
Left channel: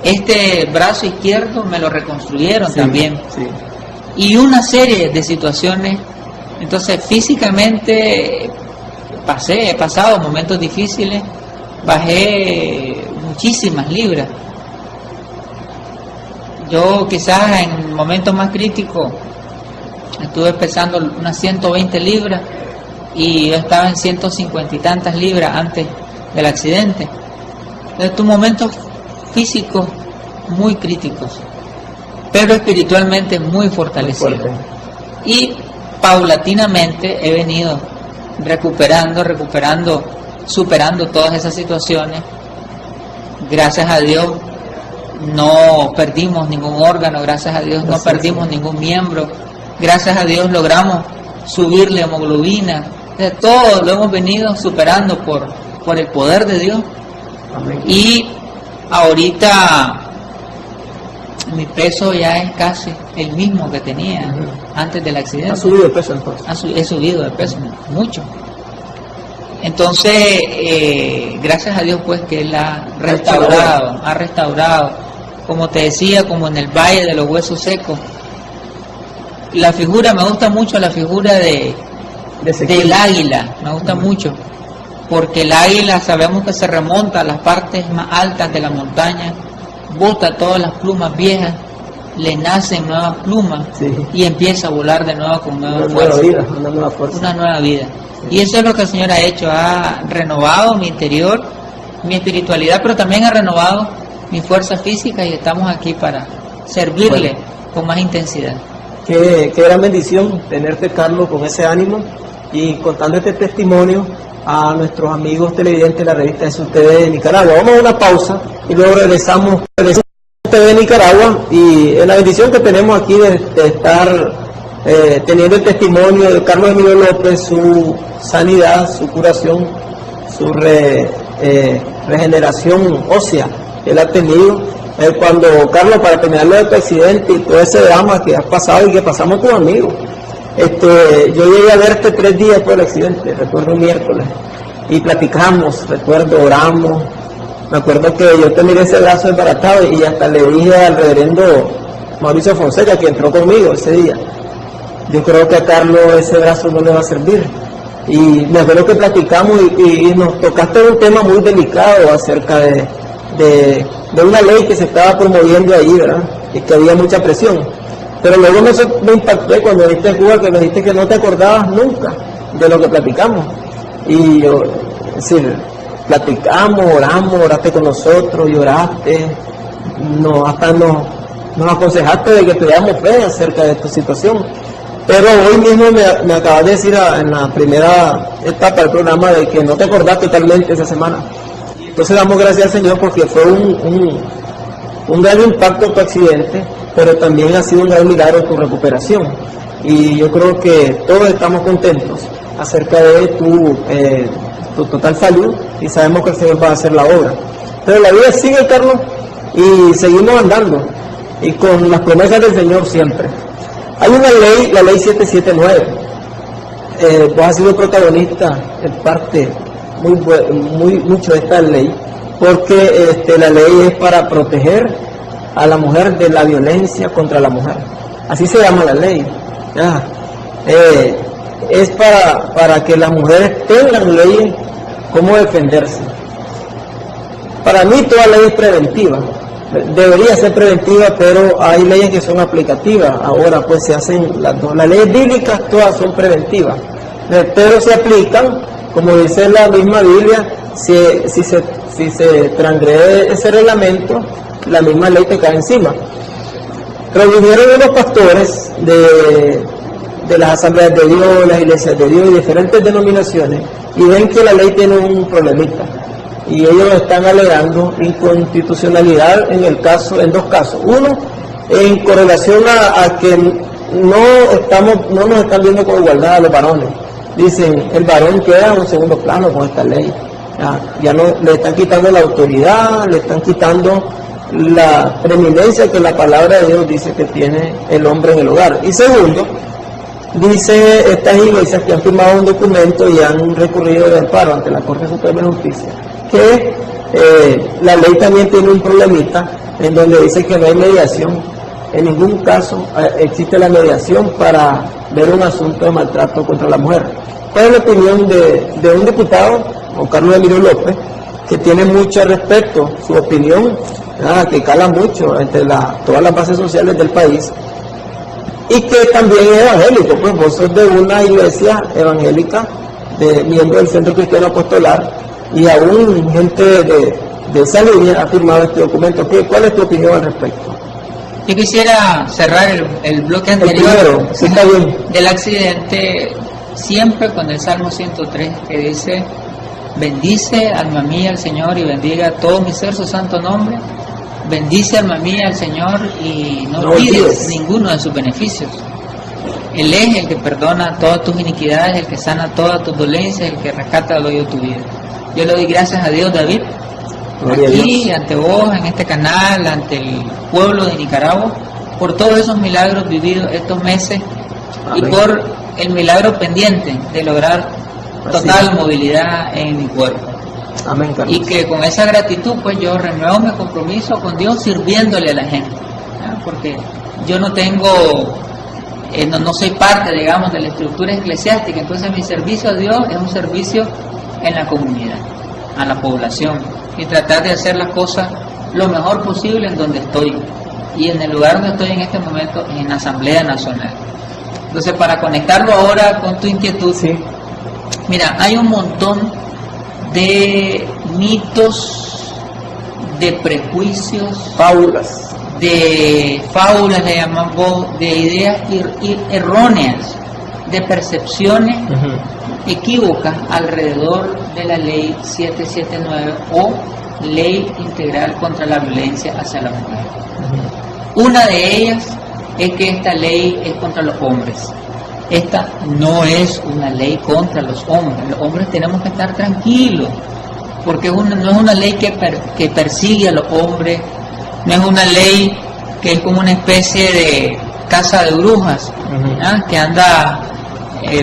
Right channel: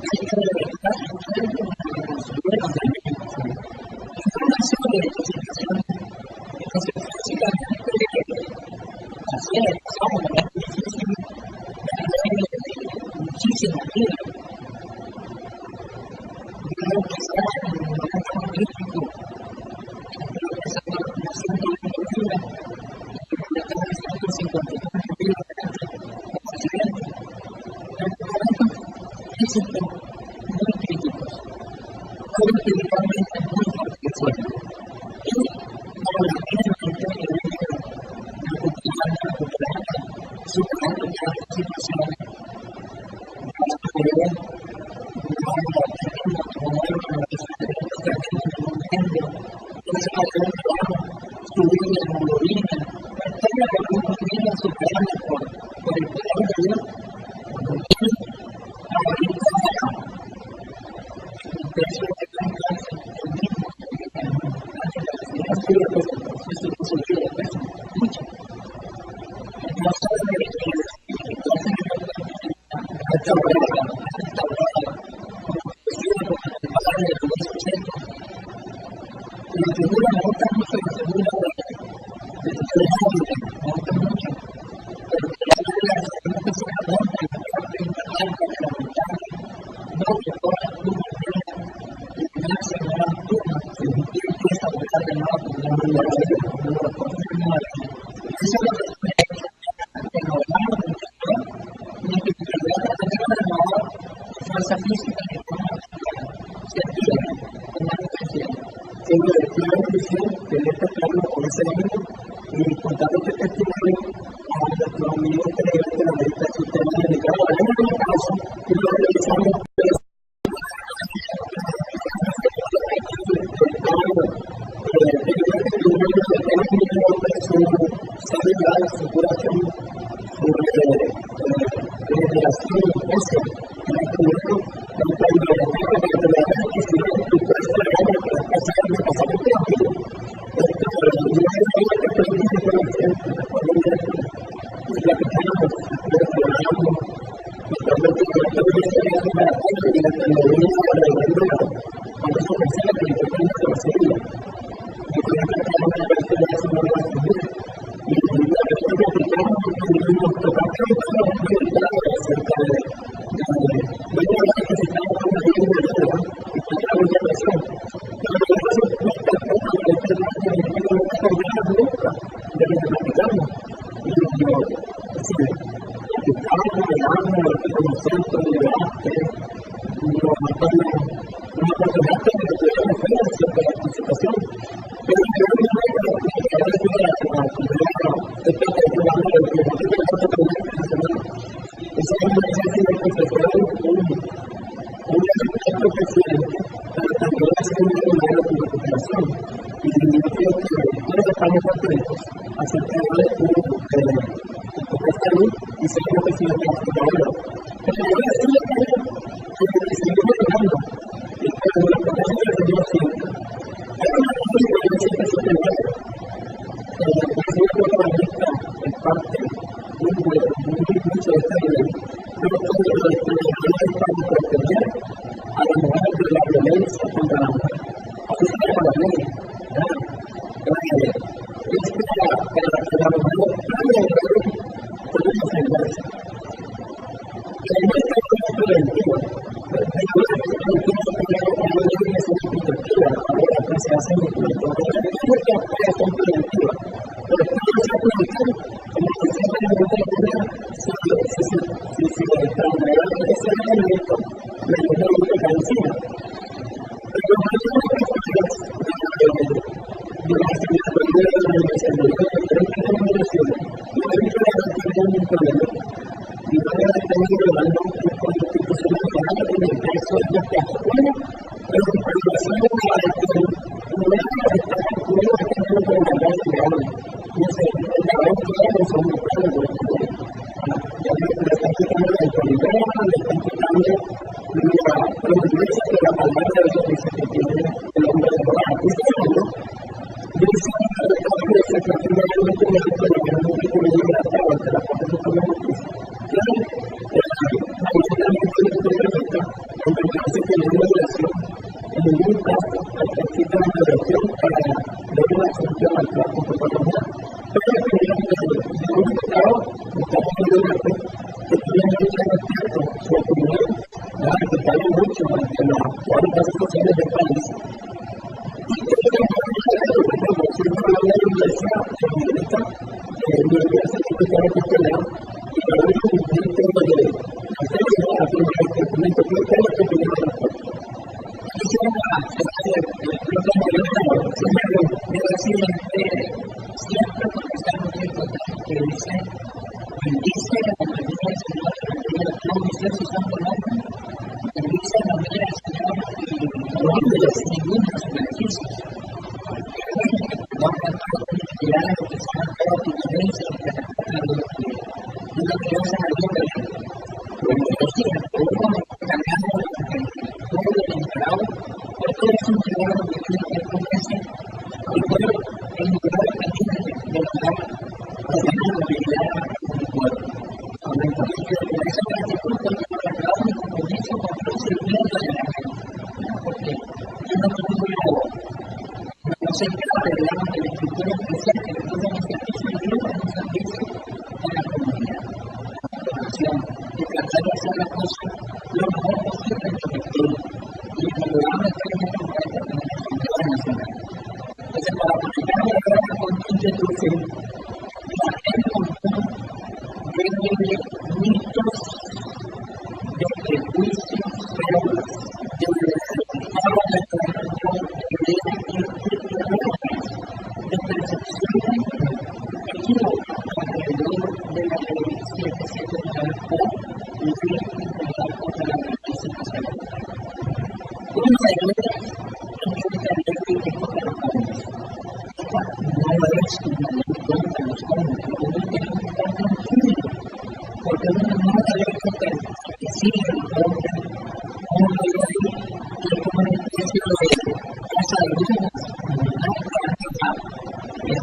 Este brazo izquierdo me lo reconstruyeron también. Sí. Y una serie de situaciones. Entonces físicamente he pasado momentos difíciles, bajé muchísimas libras. Yo quizás en momentos más críticos estuve pesando unas 120 libras y yo estaba en 150 y tantas libras antes del accidente. Entonces, momentos físicos muy críticos, pero espiritualmente muy fortalecido. Y paulatinamente he venido recuperando, superando todas esas situaciones. Gracias a Dios no perdimos ningún órgano, gracias a Dios no perdimos ningún miembro, gracias a Dios logramos subir la hemoglobina. Todo lo hemos venido superando por el poder de Dios. Amén. Y ahorita mi peso ya es casi el mismo que tenía antes del accidente. ¿Ha subido de peso entonces? He subido de peso mucho. Entonces, gracias a Dios pues que Él ha restaurado, como te decía, como en el Valle de los Huesos Secos. La figura, me gusta mucho la figura del águila, me gusta mucho, porque el águila sabemos que se remonta a las partes más altas de la montaña, bota todas las plumas viejas, le nacen nuevas plumas y empieza a volar de nuevo con nueva fuerza. Una nueva vida. Sí. Y eso es lo que el Señor ha hecho, ha renovado mi interior, mi espiritualidad, pero también ha renovado mi fuerza física y estamos aquí para servirle con más intensidad. Qué gran bendición tenerte, Carlos, con ese ánimo y contando este testimonio a nuestros amigos televidentes de la revista Jesús TV de Nicaragua. Vamos a una pausa y luego regresamos a Jesús TV de Nicaragua y en la bendición que tenemos aquí de estar teniendo el testimonio de Carlos Emilio López, su sanidad, su curación, su regeneración ósea que él ha tenido. Cuando, Carlos, para terminarlo de tu accidente y todo ese drama que has pasado y que pasamos tus amigos, yo llegué a verte 3 días después del accidente, recuerdo un miércoles, y platicamos, recuerdo, oramos. Me acuerdo que yo te miré ese brazo desbaratado y hasta le dije al reverendo Mauricio Fonseca, que entró conmigo ese día, yo creo que a Carlos ese brazo no le va a servir. Y me acuerdo que platicamos y nos tocaste un tema muy delicado acerca de una ley que se estaba promoviendo ahí, ¿verdad? Y que había mucha presión. Pero luego me impacté cuando viniste de Cuba, que me dijiste que no te acordabas nunca de lo que platicamos. Y yo, es decir, platicamos, oramos, oraste con nosotros, lloraste, hasta nos aconsejaste de que tuviéramos fe acerca de tu situación. Pero hoy mismo me acabas de decir en la primera etapa del programa de que no te acordás totalmente esa semana. Entonces damos gracias al Señor porque fue un gran impacto tu accidente, pero también ha sido un gran milagro tu recuperación. Y yo creo que todos estamos contentos acerca de tu total salud y sabemos que el Señor va a hacer la obra. Pero la vida sigue, Carlos, y seguimos andando y con las promesas del Señor siempre. Hay una ley, la ley 779, vos has sido protagonista en parte mucho de esta ley, porque la ley es para proteger a la mujer de la violencia contra la mujer. Así se llama la ley. ¿Ya? Es para que las mujeres tengan leyes cómo defenderse. Para mí toda ley es preventiva, debería ser preventiva, pero hay leyes que son aplicativas. Ahora pues se hacen las dos. Las leyes bíblicas todas son preventivas, pero se aplican, como dice la misma Biblia, si se transgrede ese reglamento, la misma ley te cae encima. Pero vinieron unos pastores de las asambleas de Dios, las iglesias de Dios y diferentes denominaciones, y ven que la ley tiene un problemita, y ellos están alegando inconstitucionalidad en dos casos. Uno, en correlación a que no nos están viendo con igualdad a los varones. Dicen, el varón queda en un segundo plano con esta ley. Ya no le están quitando la autoridad, le están quitando la preeminencia que la palabra de Dios dice que tiene el hombre en el hogar. Y segundo, dice estas iglesias que han firmado un documento y han recurrido de amparo ante la Corte Suprema de Justicia, que la ley también tiene un problemita en donde dice que no hay mediación. En ningún caso existe la mediación para ver un asunto de maltrato contra la mujer. ¿Cuál es la opinión de un diputado, Juan Carlos Emilio López, que tiene mucho respeto, su opinión, que cala mucho entre todas las bases sociales del país, y que también es evangélico? Pues vos sos de una iglesia evangélica, de miembro del Centro Cristiano Apostolar, y aún gente de esa línea ha firmado este documento. ¿Cuál es tu opinión al respecto? Yo quisiera cerrar el bloque anterior primero, sí, está bien, del accidente siempre con el Salmo 103, que dice: bendice alma mía al Señor y bendiga todo mi ser su santo nombre. Bendice alma mía al Señor y no olvides ninguno de sus beneficios. Él es el que perdona todas tus iniquidades, el que sana todas tus dolencias, el que rescata del hoyo tu vida. Yo le doy gracias a Dios, David, gloria aquí, a Dios, ante vos, en este canal, ante el pueblo de Nicaragua, por todos esos milagros vividos estos meses. Amén. Y por el milagro pendiente de lograr total movilidad en mi cuerpo. Amén, Carlos. Y que con esa gratitud pues yo renuevo mi compromiso con Dios sirviéndole a la gente, ¿no? Porque yo no tengo, no soy parte, digamos, de la estructura eclesiástica. Entonces mi servicio a Dios es un servicio en la comunidad, a la población, y tratar de hacer las cosas lo mejor posible en donde estoy, y en el lugar donde estoy en este momento es en la Asamblea Nacional. Entonces, para conectarlo ahora con tu inquietud, sí. Mira, hay un montón de mitos, de prejuicios, fábulas, le llaman vos, de ideas erróneas, de percepciones equívocas alrededor de la ley 779 o ley integral contra la violencia hacia la mujer. Una de ellas es que esta ley es contra los hombres. Esta no es una ley contra los hombres. Los hombres tenemos que estar tranquilos, porque no es una ley que persigue a los hombres, no es una ley que es como una especie de casa de brujas, que anda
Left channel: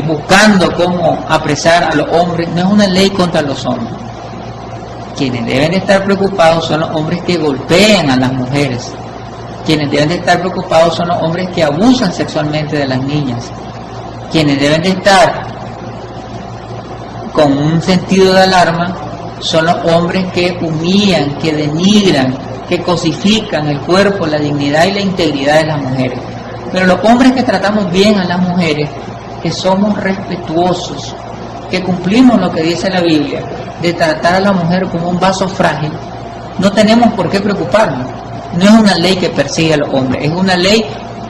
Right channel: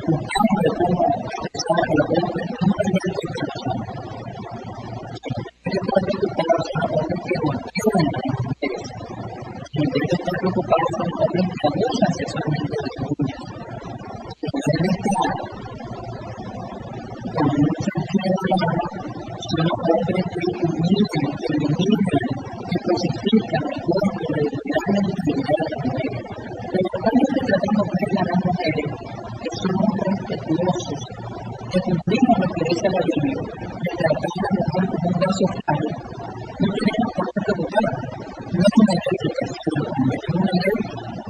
buscando cómo apresar a los hombres. No es una ley contra los hombres. Quienes deben de estar preocupados son los hombres que golpean a las mujeres. Quienes deben de estar preocupados son los hombres que abusan sexualmente de las niñas. Quienes deben de estar con un sentido de alarma son los hombres que humillan, que denigran, que cosifican el cuerpo, la dignidad y la integridad de las mujeres. Pero los hombres que tratamos bien a las mujeres, que somos respetuosos, que cumplimos lo que dice la Biblia, de tratar a la mujer como un vaso frágil, no tenemos por qué preocuparnos. No es una ley que persigue a los hombres, es una ley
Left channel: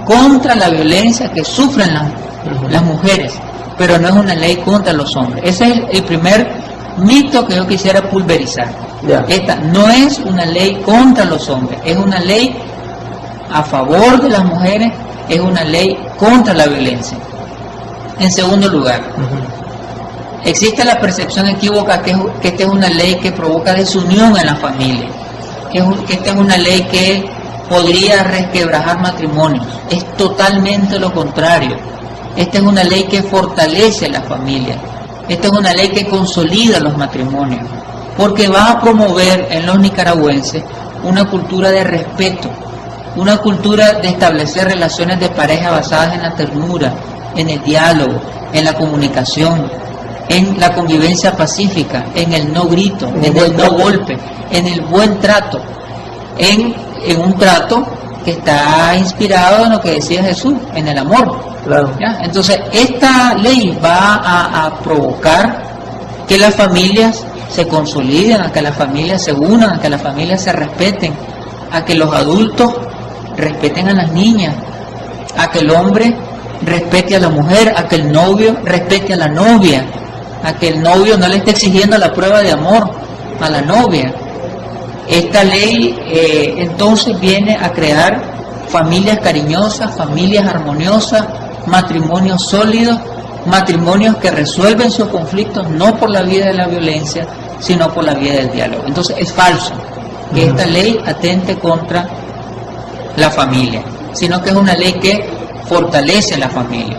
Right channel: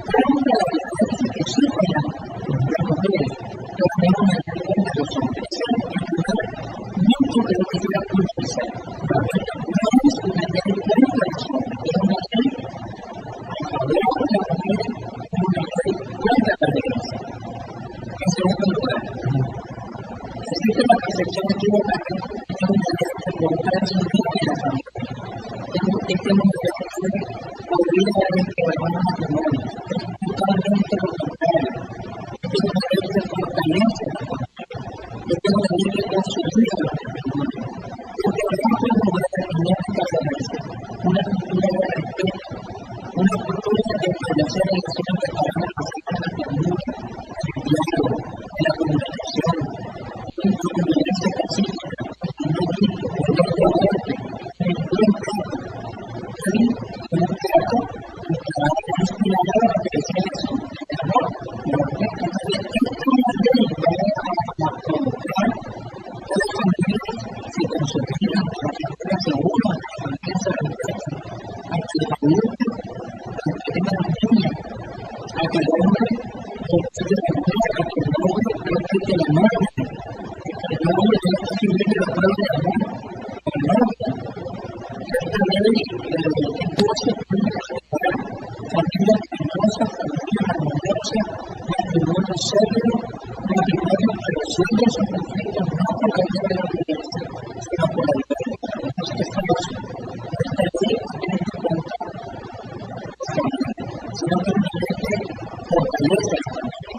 contra la violencia que sufren las mujeres, pero no es una ley contra los hombres. Ese es el primer mito que yo quisiera pulverizar. Esta no es una ley contra los hombres, es una ley a favor de las mujeres, es una ley contra la violencia. En segundo lugar, existe la percepción equívoca que esta es una ley que provoca desunión en la familia, que esta es una ley que podría resquebrajar matrimonios. Es totalmente lo contrario. Esta es una ley que fortalece la familia. Esta es una ley que consolida los matrimonios, porque va a promover en los nicaragüenses una cultura de respeto, una cultura de establecer relaciones de pareja basadas en la ternura, en el diálogo, en la comunicación, en la convivencia pacífica, en el no grito, en el no golpe, en el buen trato, en un trato que está inspirado en lo que decía Jesús, en el amor. Claro. ¿Ya? Entonces, esta ley va a provocar que las familias se consoliden, a que las familias se unan, a que las familias se respeten, a que los adultos respeten a las niñas, a que el hombre respete a la mujer, a que el novio respete a la novia, a que el novio no le esté exigiendo la prueba de amor a la novia. Esta ley entonces viene a crear familias cariñosas, familias armoniosas, matrimonios sólidos, matrimonios que resuelven sus conflictos no por la vía de la violencia, sino por la vía del diálogo. Entonces es falso que esta ley atente contra la familia, sino que es una ley que fortalece la familia.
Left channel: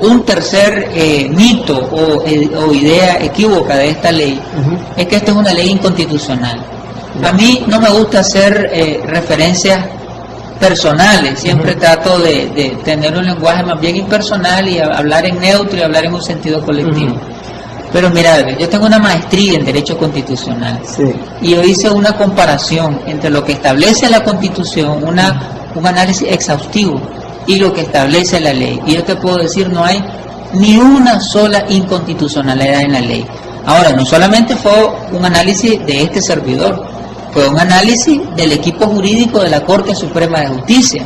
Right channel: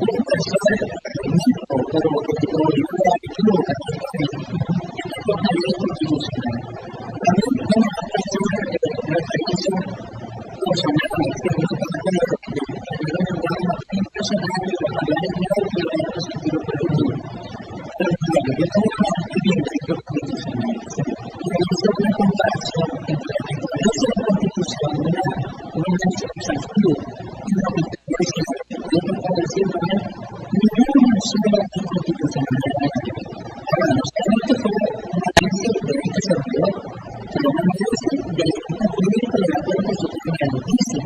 Un tercer mito o idea equívoca de esta ley es que esta es una ley inconstitucional. A mí no me gusta hacer referencias personales, siempre trato de tener un lenguaje más bien impersonal y hablar en neutro y hablar en un sentido colectivo. Pero mira, yo tengo una maestría en Derecho Constitucional, y yo hice una comparación entre lo que establece la Constitución, un análisis exhaustivo, y lo que establece la ley. Y yo te puedo decir, no hay ni una sola inconstitucionalidad en la ley. Ahora, no solamente fue un análisis de este servidor, fue un análisis del equipo jurídico de la Corte Suprema de Justicia.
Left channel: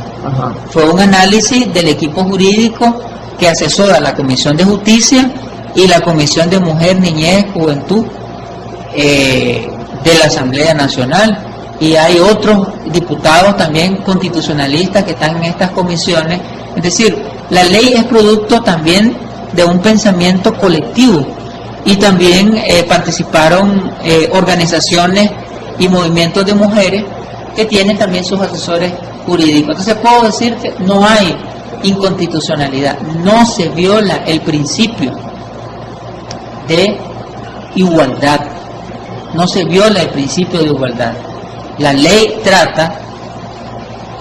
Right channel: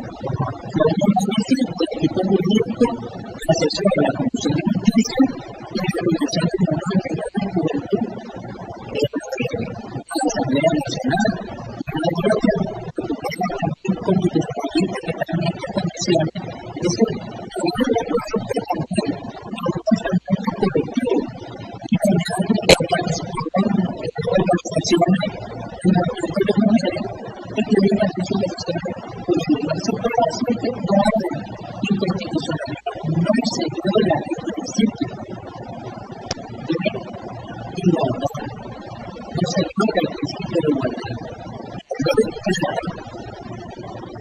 Fue un análisis del equipo jurídico que asesora la Comisión de Justicia y la Comisión de Mujer, Niñez, Juventud de la Asamblea Nacional. Y hay otros diputados también constitucionalistas que están en estas comisiones. Es decir, la ley es producto también de un pensamiento colectivo, y también participaron organizaciones y movimientos de mujeres que tienen también sus asesores jurídicos. Entonces puedo decirte, no hay inconstitucionalidad, no se viola el principio de igualdad, no se viola el principio de igualdad. La ley trata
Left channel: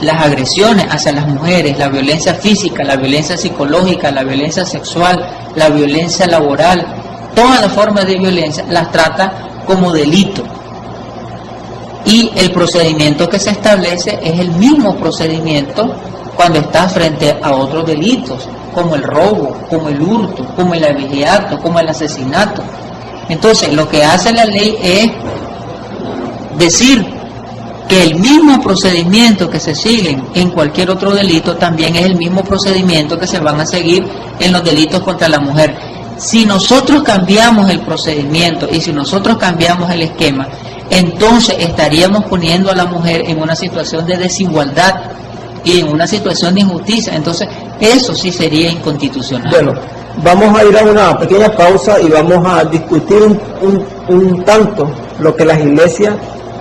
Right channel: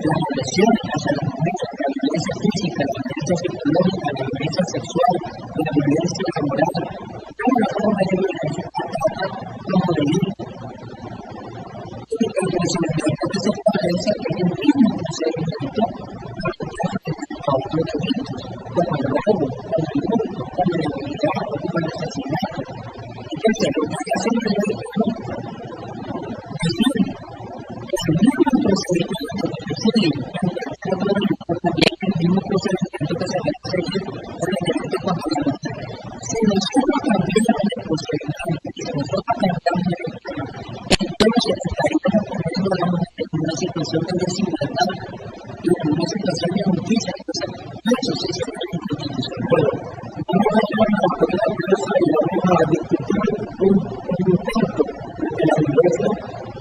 las agresiones hacia las mujeres, la violencia física, la violencia psicológica, la violencia sexual, la violencia laboral, todas las formas de violencia las trata como delito. Y el procedimiento que se establece es el mismo procedimiento cuando está frente a otros delitos, como el robo, como el hurto, como el abigeato, como el asesinato. Entonces, lo que hace la ley es decir que el mismo procedimiento que se sigue en cualquier otro delito también es el mismo procedimiento que se van a seguir en los delitos contra la mujer. Si nosotros cambiamos el procedimiento y si nosotros cambiamos el esquema, entonces estaríamos poniendo a la mujer en una situación de desigualdad y en una situación de injusticia. Entonces eso sí sería inconstitucional. Bueno, vamos a ir a una pequeña pausa y vamos a discutir un tanto lo que las iglesias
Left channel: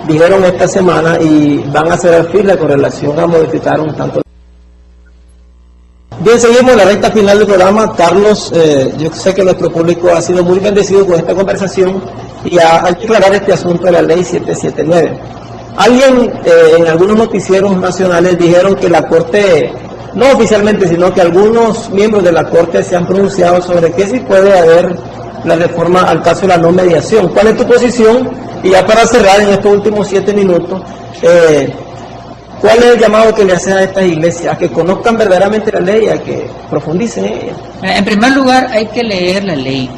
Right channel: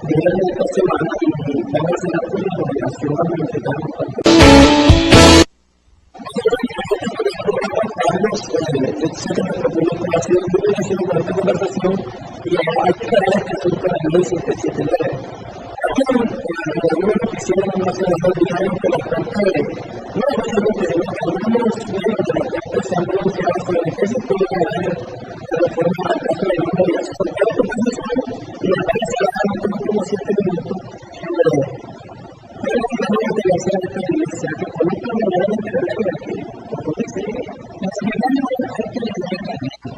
dijeron esta semana y van a hacer fila con relación a modificar un tanto. Bien, seguimos en la recta final del programa. Carlos, yo sé que nuestro público ha sido muy bendecido con esta conversación y hay que aclarar este asunto de la ley 779. Alguien en algunos noticieros nacionales dijeron que la Corte, no oficialmente, sino que algunos miembros de la Corte se han pronunciado sobre que sí puede haber la reforma al caso de la no mediación. ¿Cuál es tu posición? Y ya para cerrar en estos últimos 7 minutos, ¿cuál es el llamado que le haces a estas iglesias? A que conozcan verdaderamente la ley, a que profundicen en ella. En primer lugar, hay que leer la ley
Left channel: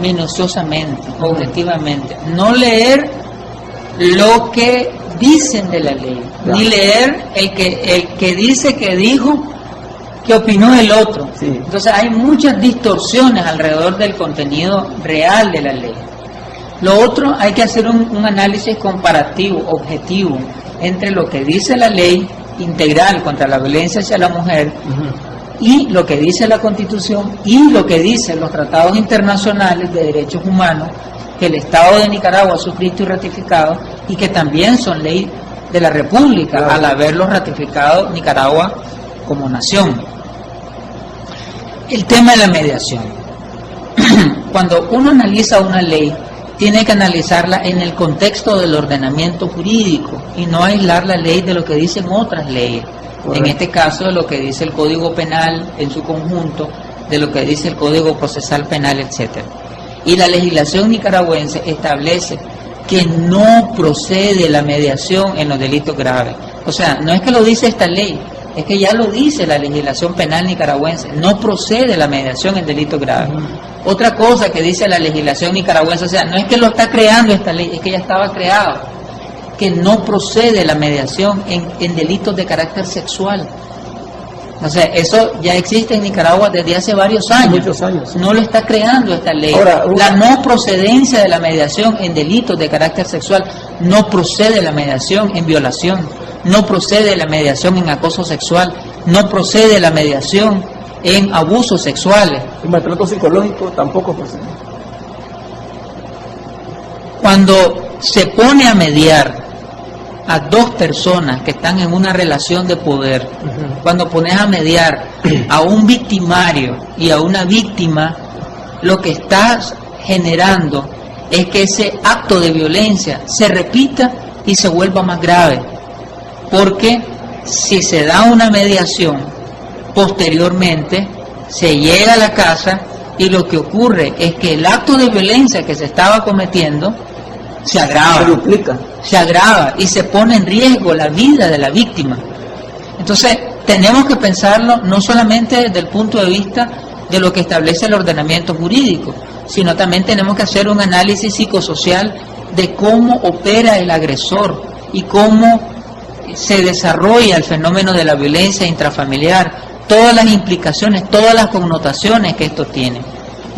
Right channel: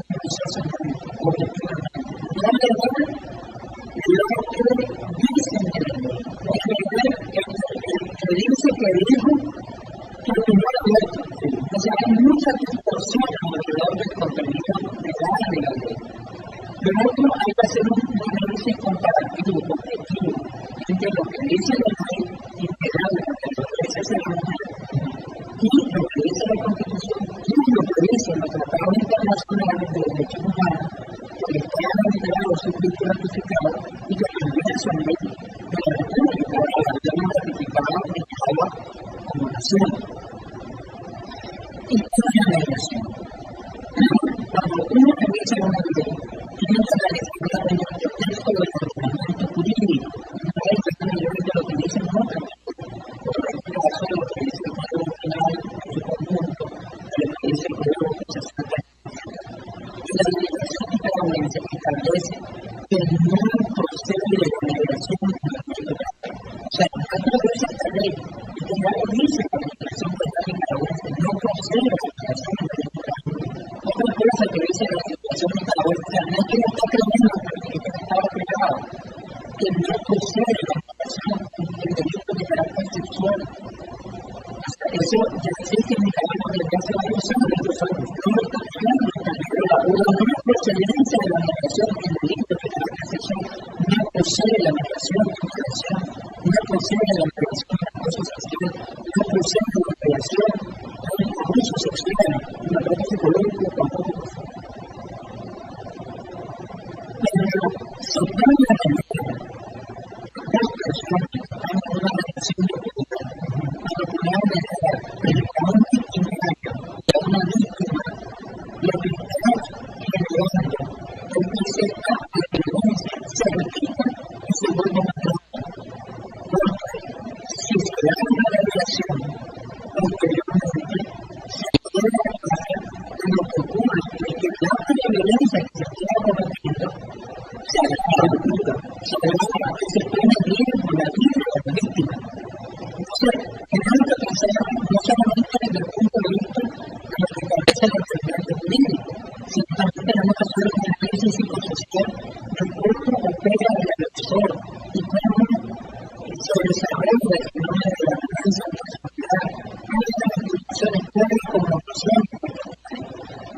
minuciosamente, objetivamente. No leer lo que dicen de la ley, ni leer el que dice que dijo, que opinó el otro. Entonces hay muchas distorsiones alrededor del contenido real de la ley. Lo otro, hay que hacer un análisis comparativo, objetivo, entre lo que dice la ley integral contra la violencia hacia la mujer y lo que dice la Constitución y lo que dicen los tratados internacionales de derechos humanos que el Estado de Nicaragua ha suscrito y ratificado y que también son ley de la República, al haberlos ratificado Nicaragua como nación. El tema de la mediación. Cuando uno analiza una ley, tiene que analizarla en el contexto del ordenamiento jurídico y no aislar la ley de lo que dicen otras leyes. Correcto. En este caso, de lo que dice el Código Penal en su conjunto, de lo que dice el Código Procesal Penal, etcétera. Y la legislación nicaragüense establece que no procede la mediación en los delitos graves. O sea, no es que lo dice esta ley, es que ya lo dice la legislación penal nicaragüense, no procede la mediación en delitos graves. Otra cosa que dice la legislación nicaragüense, o sea, no es que lo está creando esta ley, es que ya estaba creado, que no procede la mediación en delitos de carácter sexual. O sea, eso ya existe en Nicaragua desde hace varios años. Muchos años. No lo está creando esta ley. Ahora, la no procedencia de la mediación en delitos de carácter sexual, no procede la mediación en violación, no procede la mediación en acoso sexual, no procede la mediación en abusos sexuales. El maltrato psicológico tampoco procede. Cuando se pone a mediar a dos personas que están en una relación de poder, cuando pones a mediar a un victimario y a una víctima, lo que estás generando es que ese acto de violencia se repita y se vuelva más grave, porque si se da una mediación, posteriormente se llega a la casa y lo que ocurre es que el acto de violencia que se estaba cometiendo se agrava, se duplica, se agrava y se pone en riesgo la vida de la víctima. Entonces tenemos que pensarlo no solamente desde el punto de vista de lo que establece el ordenamiento jurídico, sino también tenemos que hacer un análisis psicosocial de cómo opera el agresor y cómo se desarrolla el fenómeno de la violencia intrafamiliar, todas las implicaciones, todas las connotaciones que esto tiene.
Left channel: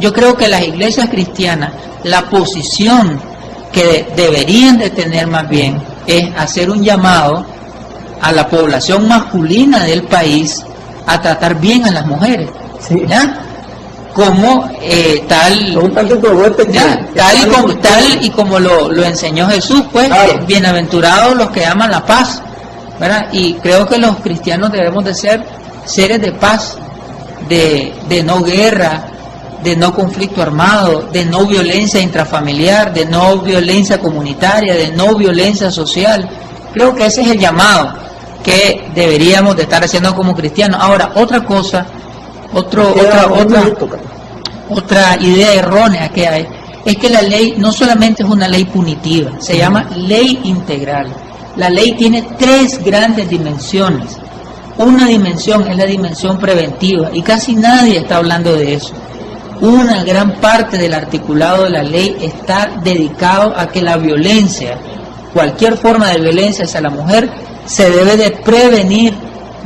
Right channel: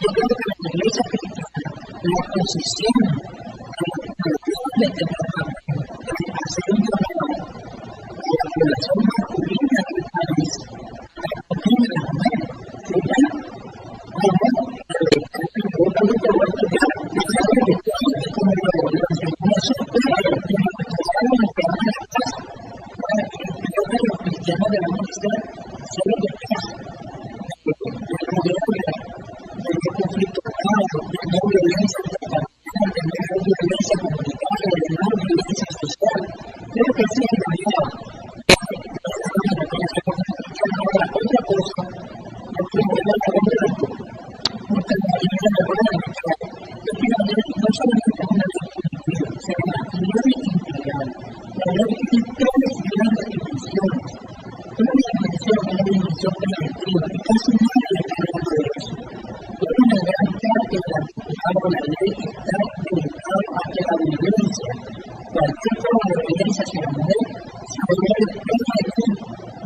Yo creo que las iglesias cristianas, la posición que deberían de tener más bien es hacer un llamado a la población masculina del país a tratar bien a las mujeres, sí. ¿Ya? Como tal y como lo enseñó Jesús, pues, claro. Bienaventurados los que aman la paz, ¿verdad? Y creo que los cristianos debemos de ser seres de paz, de no guerra, de no conflicto armado, de no violencia intrafamiliar, de no violencia comunitaria, de no violencia social. Creo que ese es el llamado que deberíamos de estar haciendo como cristianos. Ahora, otra cosa, otra idea errónea que hay, es que la ley no solamente es una ley punitiva, se llama ley integral. La ley tiene tres grandes dimensiones. Una dimensión es la dimensión preventiva, y casi nadie está hablando de eso. Una gran parte del articulado de la ley está dedicado a que la violencia, cualquier forma de violencia hacia la mujer, se debe de prevenir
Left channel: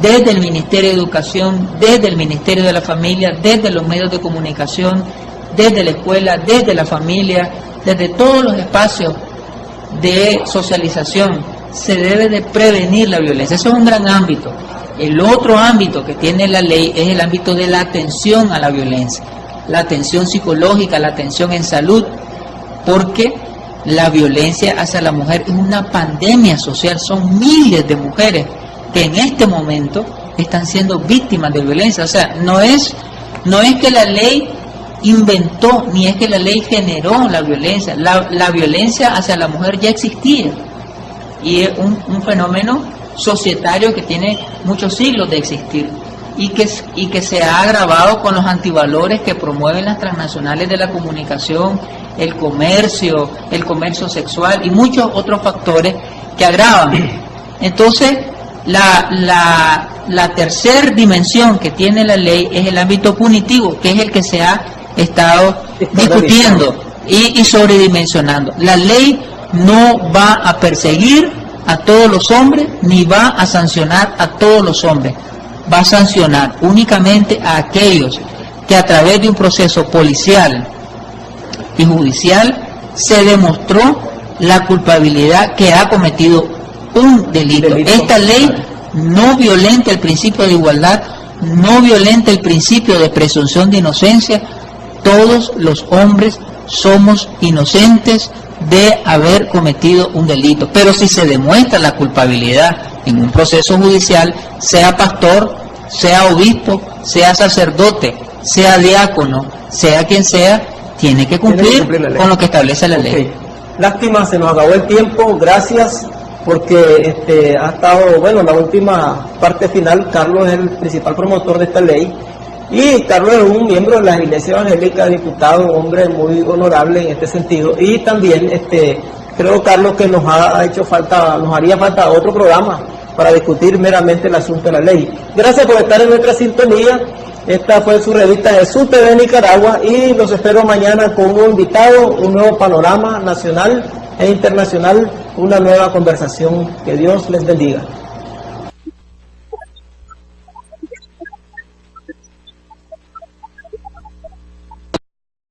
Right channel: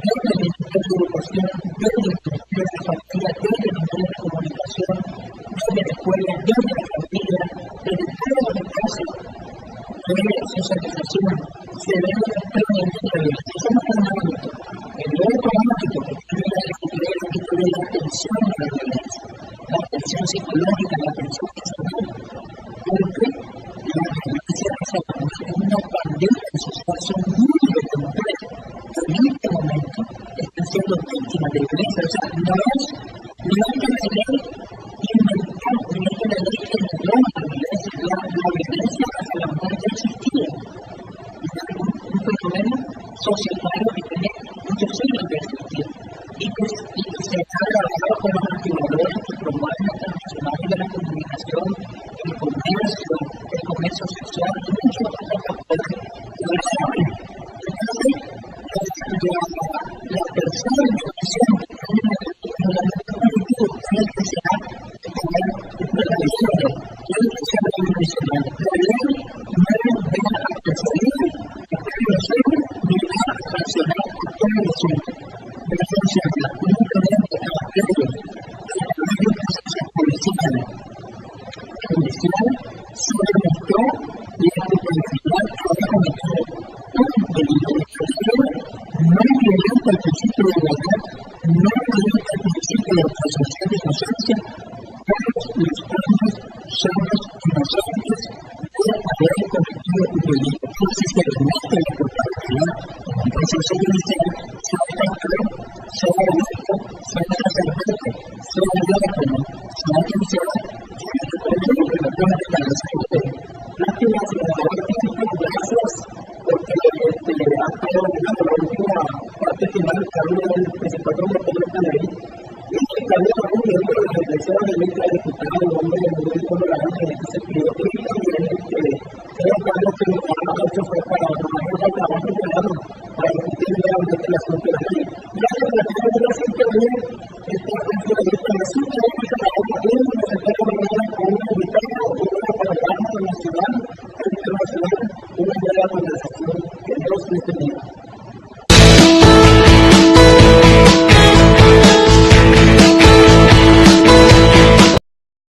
desde el Ministerio de Educación, desde el Ministerio de la Familia, desde los medios de comunicación, desde la escuela, desde la familia, desde todos los espacios de socialización. Se debe de prevenir la violencia. Eso es un gran ámbito. El otro ámbito que tiene la ley es el ámbito de la atención a la violencia, la atención psicológica, la atención en salud, porque la violencia hacia la mujer es una pandemia social. Son miles de mujeres que en este momento están siendo víctimas de violencia. O sea, no es que la ley inventó, ni es que la ley generó la violencia. La violencia hacia la mujer ya existía, y es un fenómeno societario que tiene muchos siglos de existir, y que se ha agravado con los antivalores que promueven las transnacionales de la comunicación, el comercio sexual y muchos otros factores que agravan. Entonces, la tercera dimensión que tiene la ley es el ámbito punitivo, que es el que se ha estado discutiendo y sobredimensionando. La ley no va a perseguir a todos los hombres, ni va a sancionar a todos los hombres. Va a sancionar únicamente a aquellos que a través de un proceso policial y judicial se demostró la culpabilidad que ha cometido un delito. Esta ley no violenta el principio de igualdad, no violenta el principio de presunción de inocencia. Todos los hombres somos inocentes de haber cometido un delito, pero si se demuestra la culpabilidad en un proceso judicial, sea pastor, sea obispo, sea sacerdote, sea diácono, sea quien sea, tiene que cumplir la ley. con lo que establece la ley. Okay. Lástima, se nos acabó el tiempo, gracias, porque ha estado, bueno, la última parte final. Carlos es el principal promotor de esta ley, y Carlos es un miembro de la Iglesia Evangélica, diputado, un hombre muy honorable en este sentido, y también creo, Carlos, que nos haría falta otro programa para discutir meramente el asunto de la ley. Gracias por estar en nuestra sintonía. Esta fue su revista Jesús TV Nicaragua, y los espero mañana con un nuevo invitado, un nuevo panorama nacional e internacional, una nueva conversación. Que Dios les bendiga.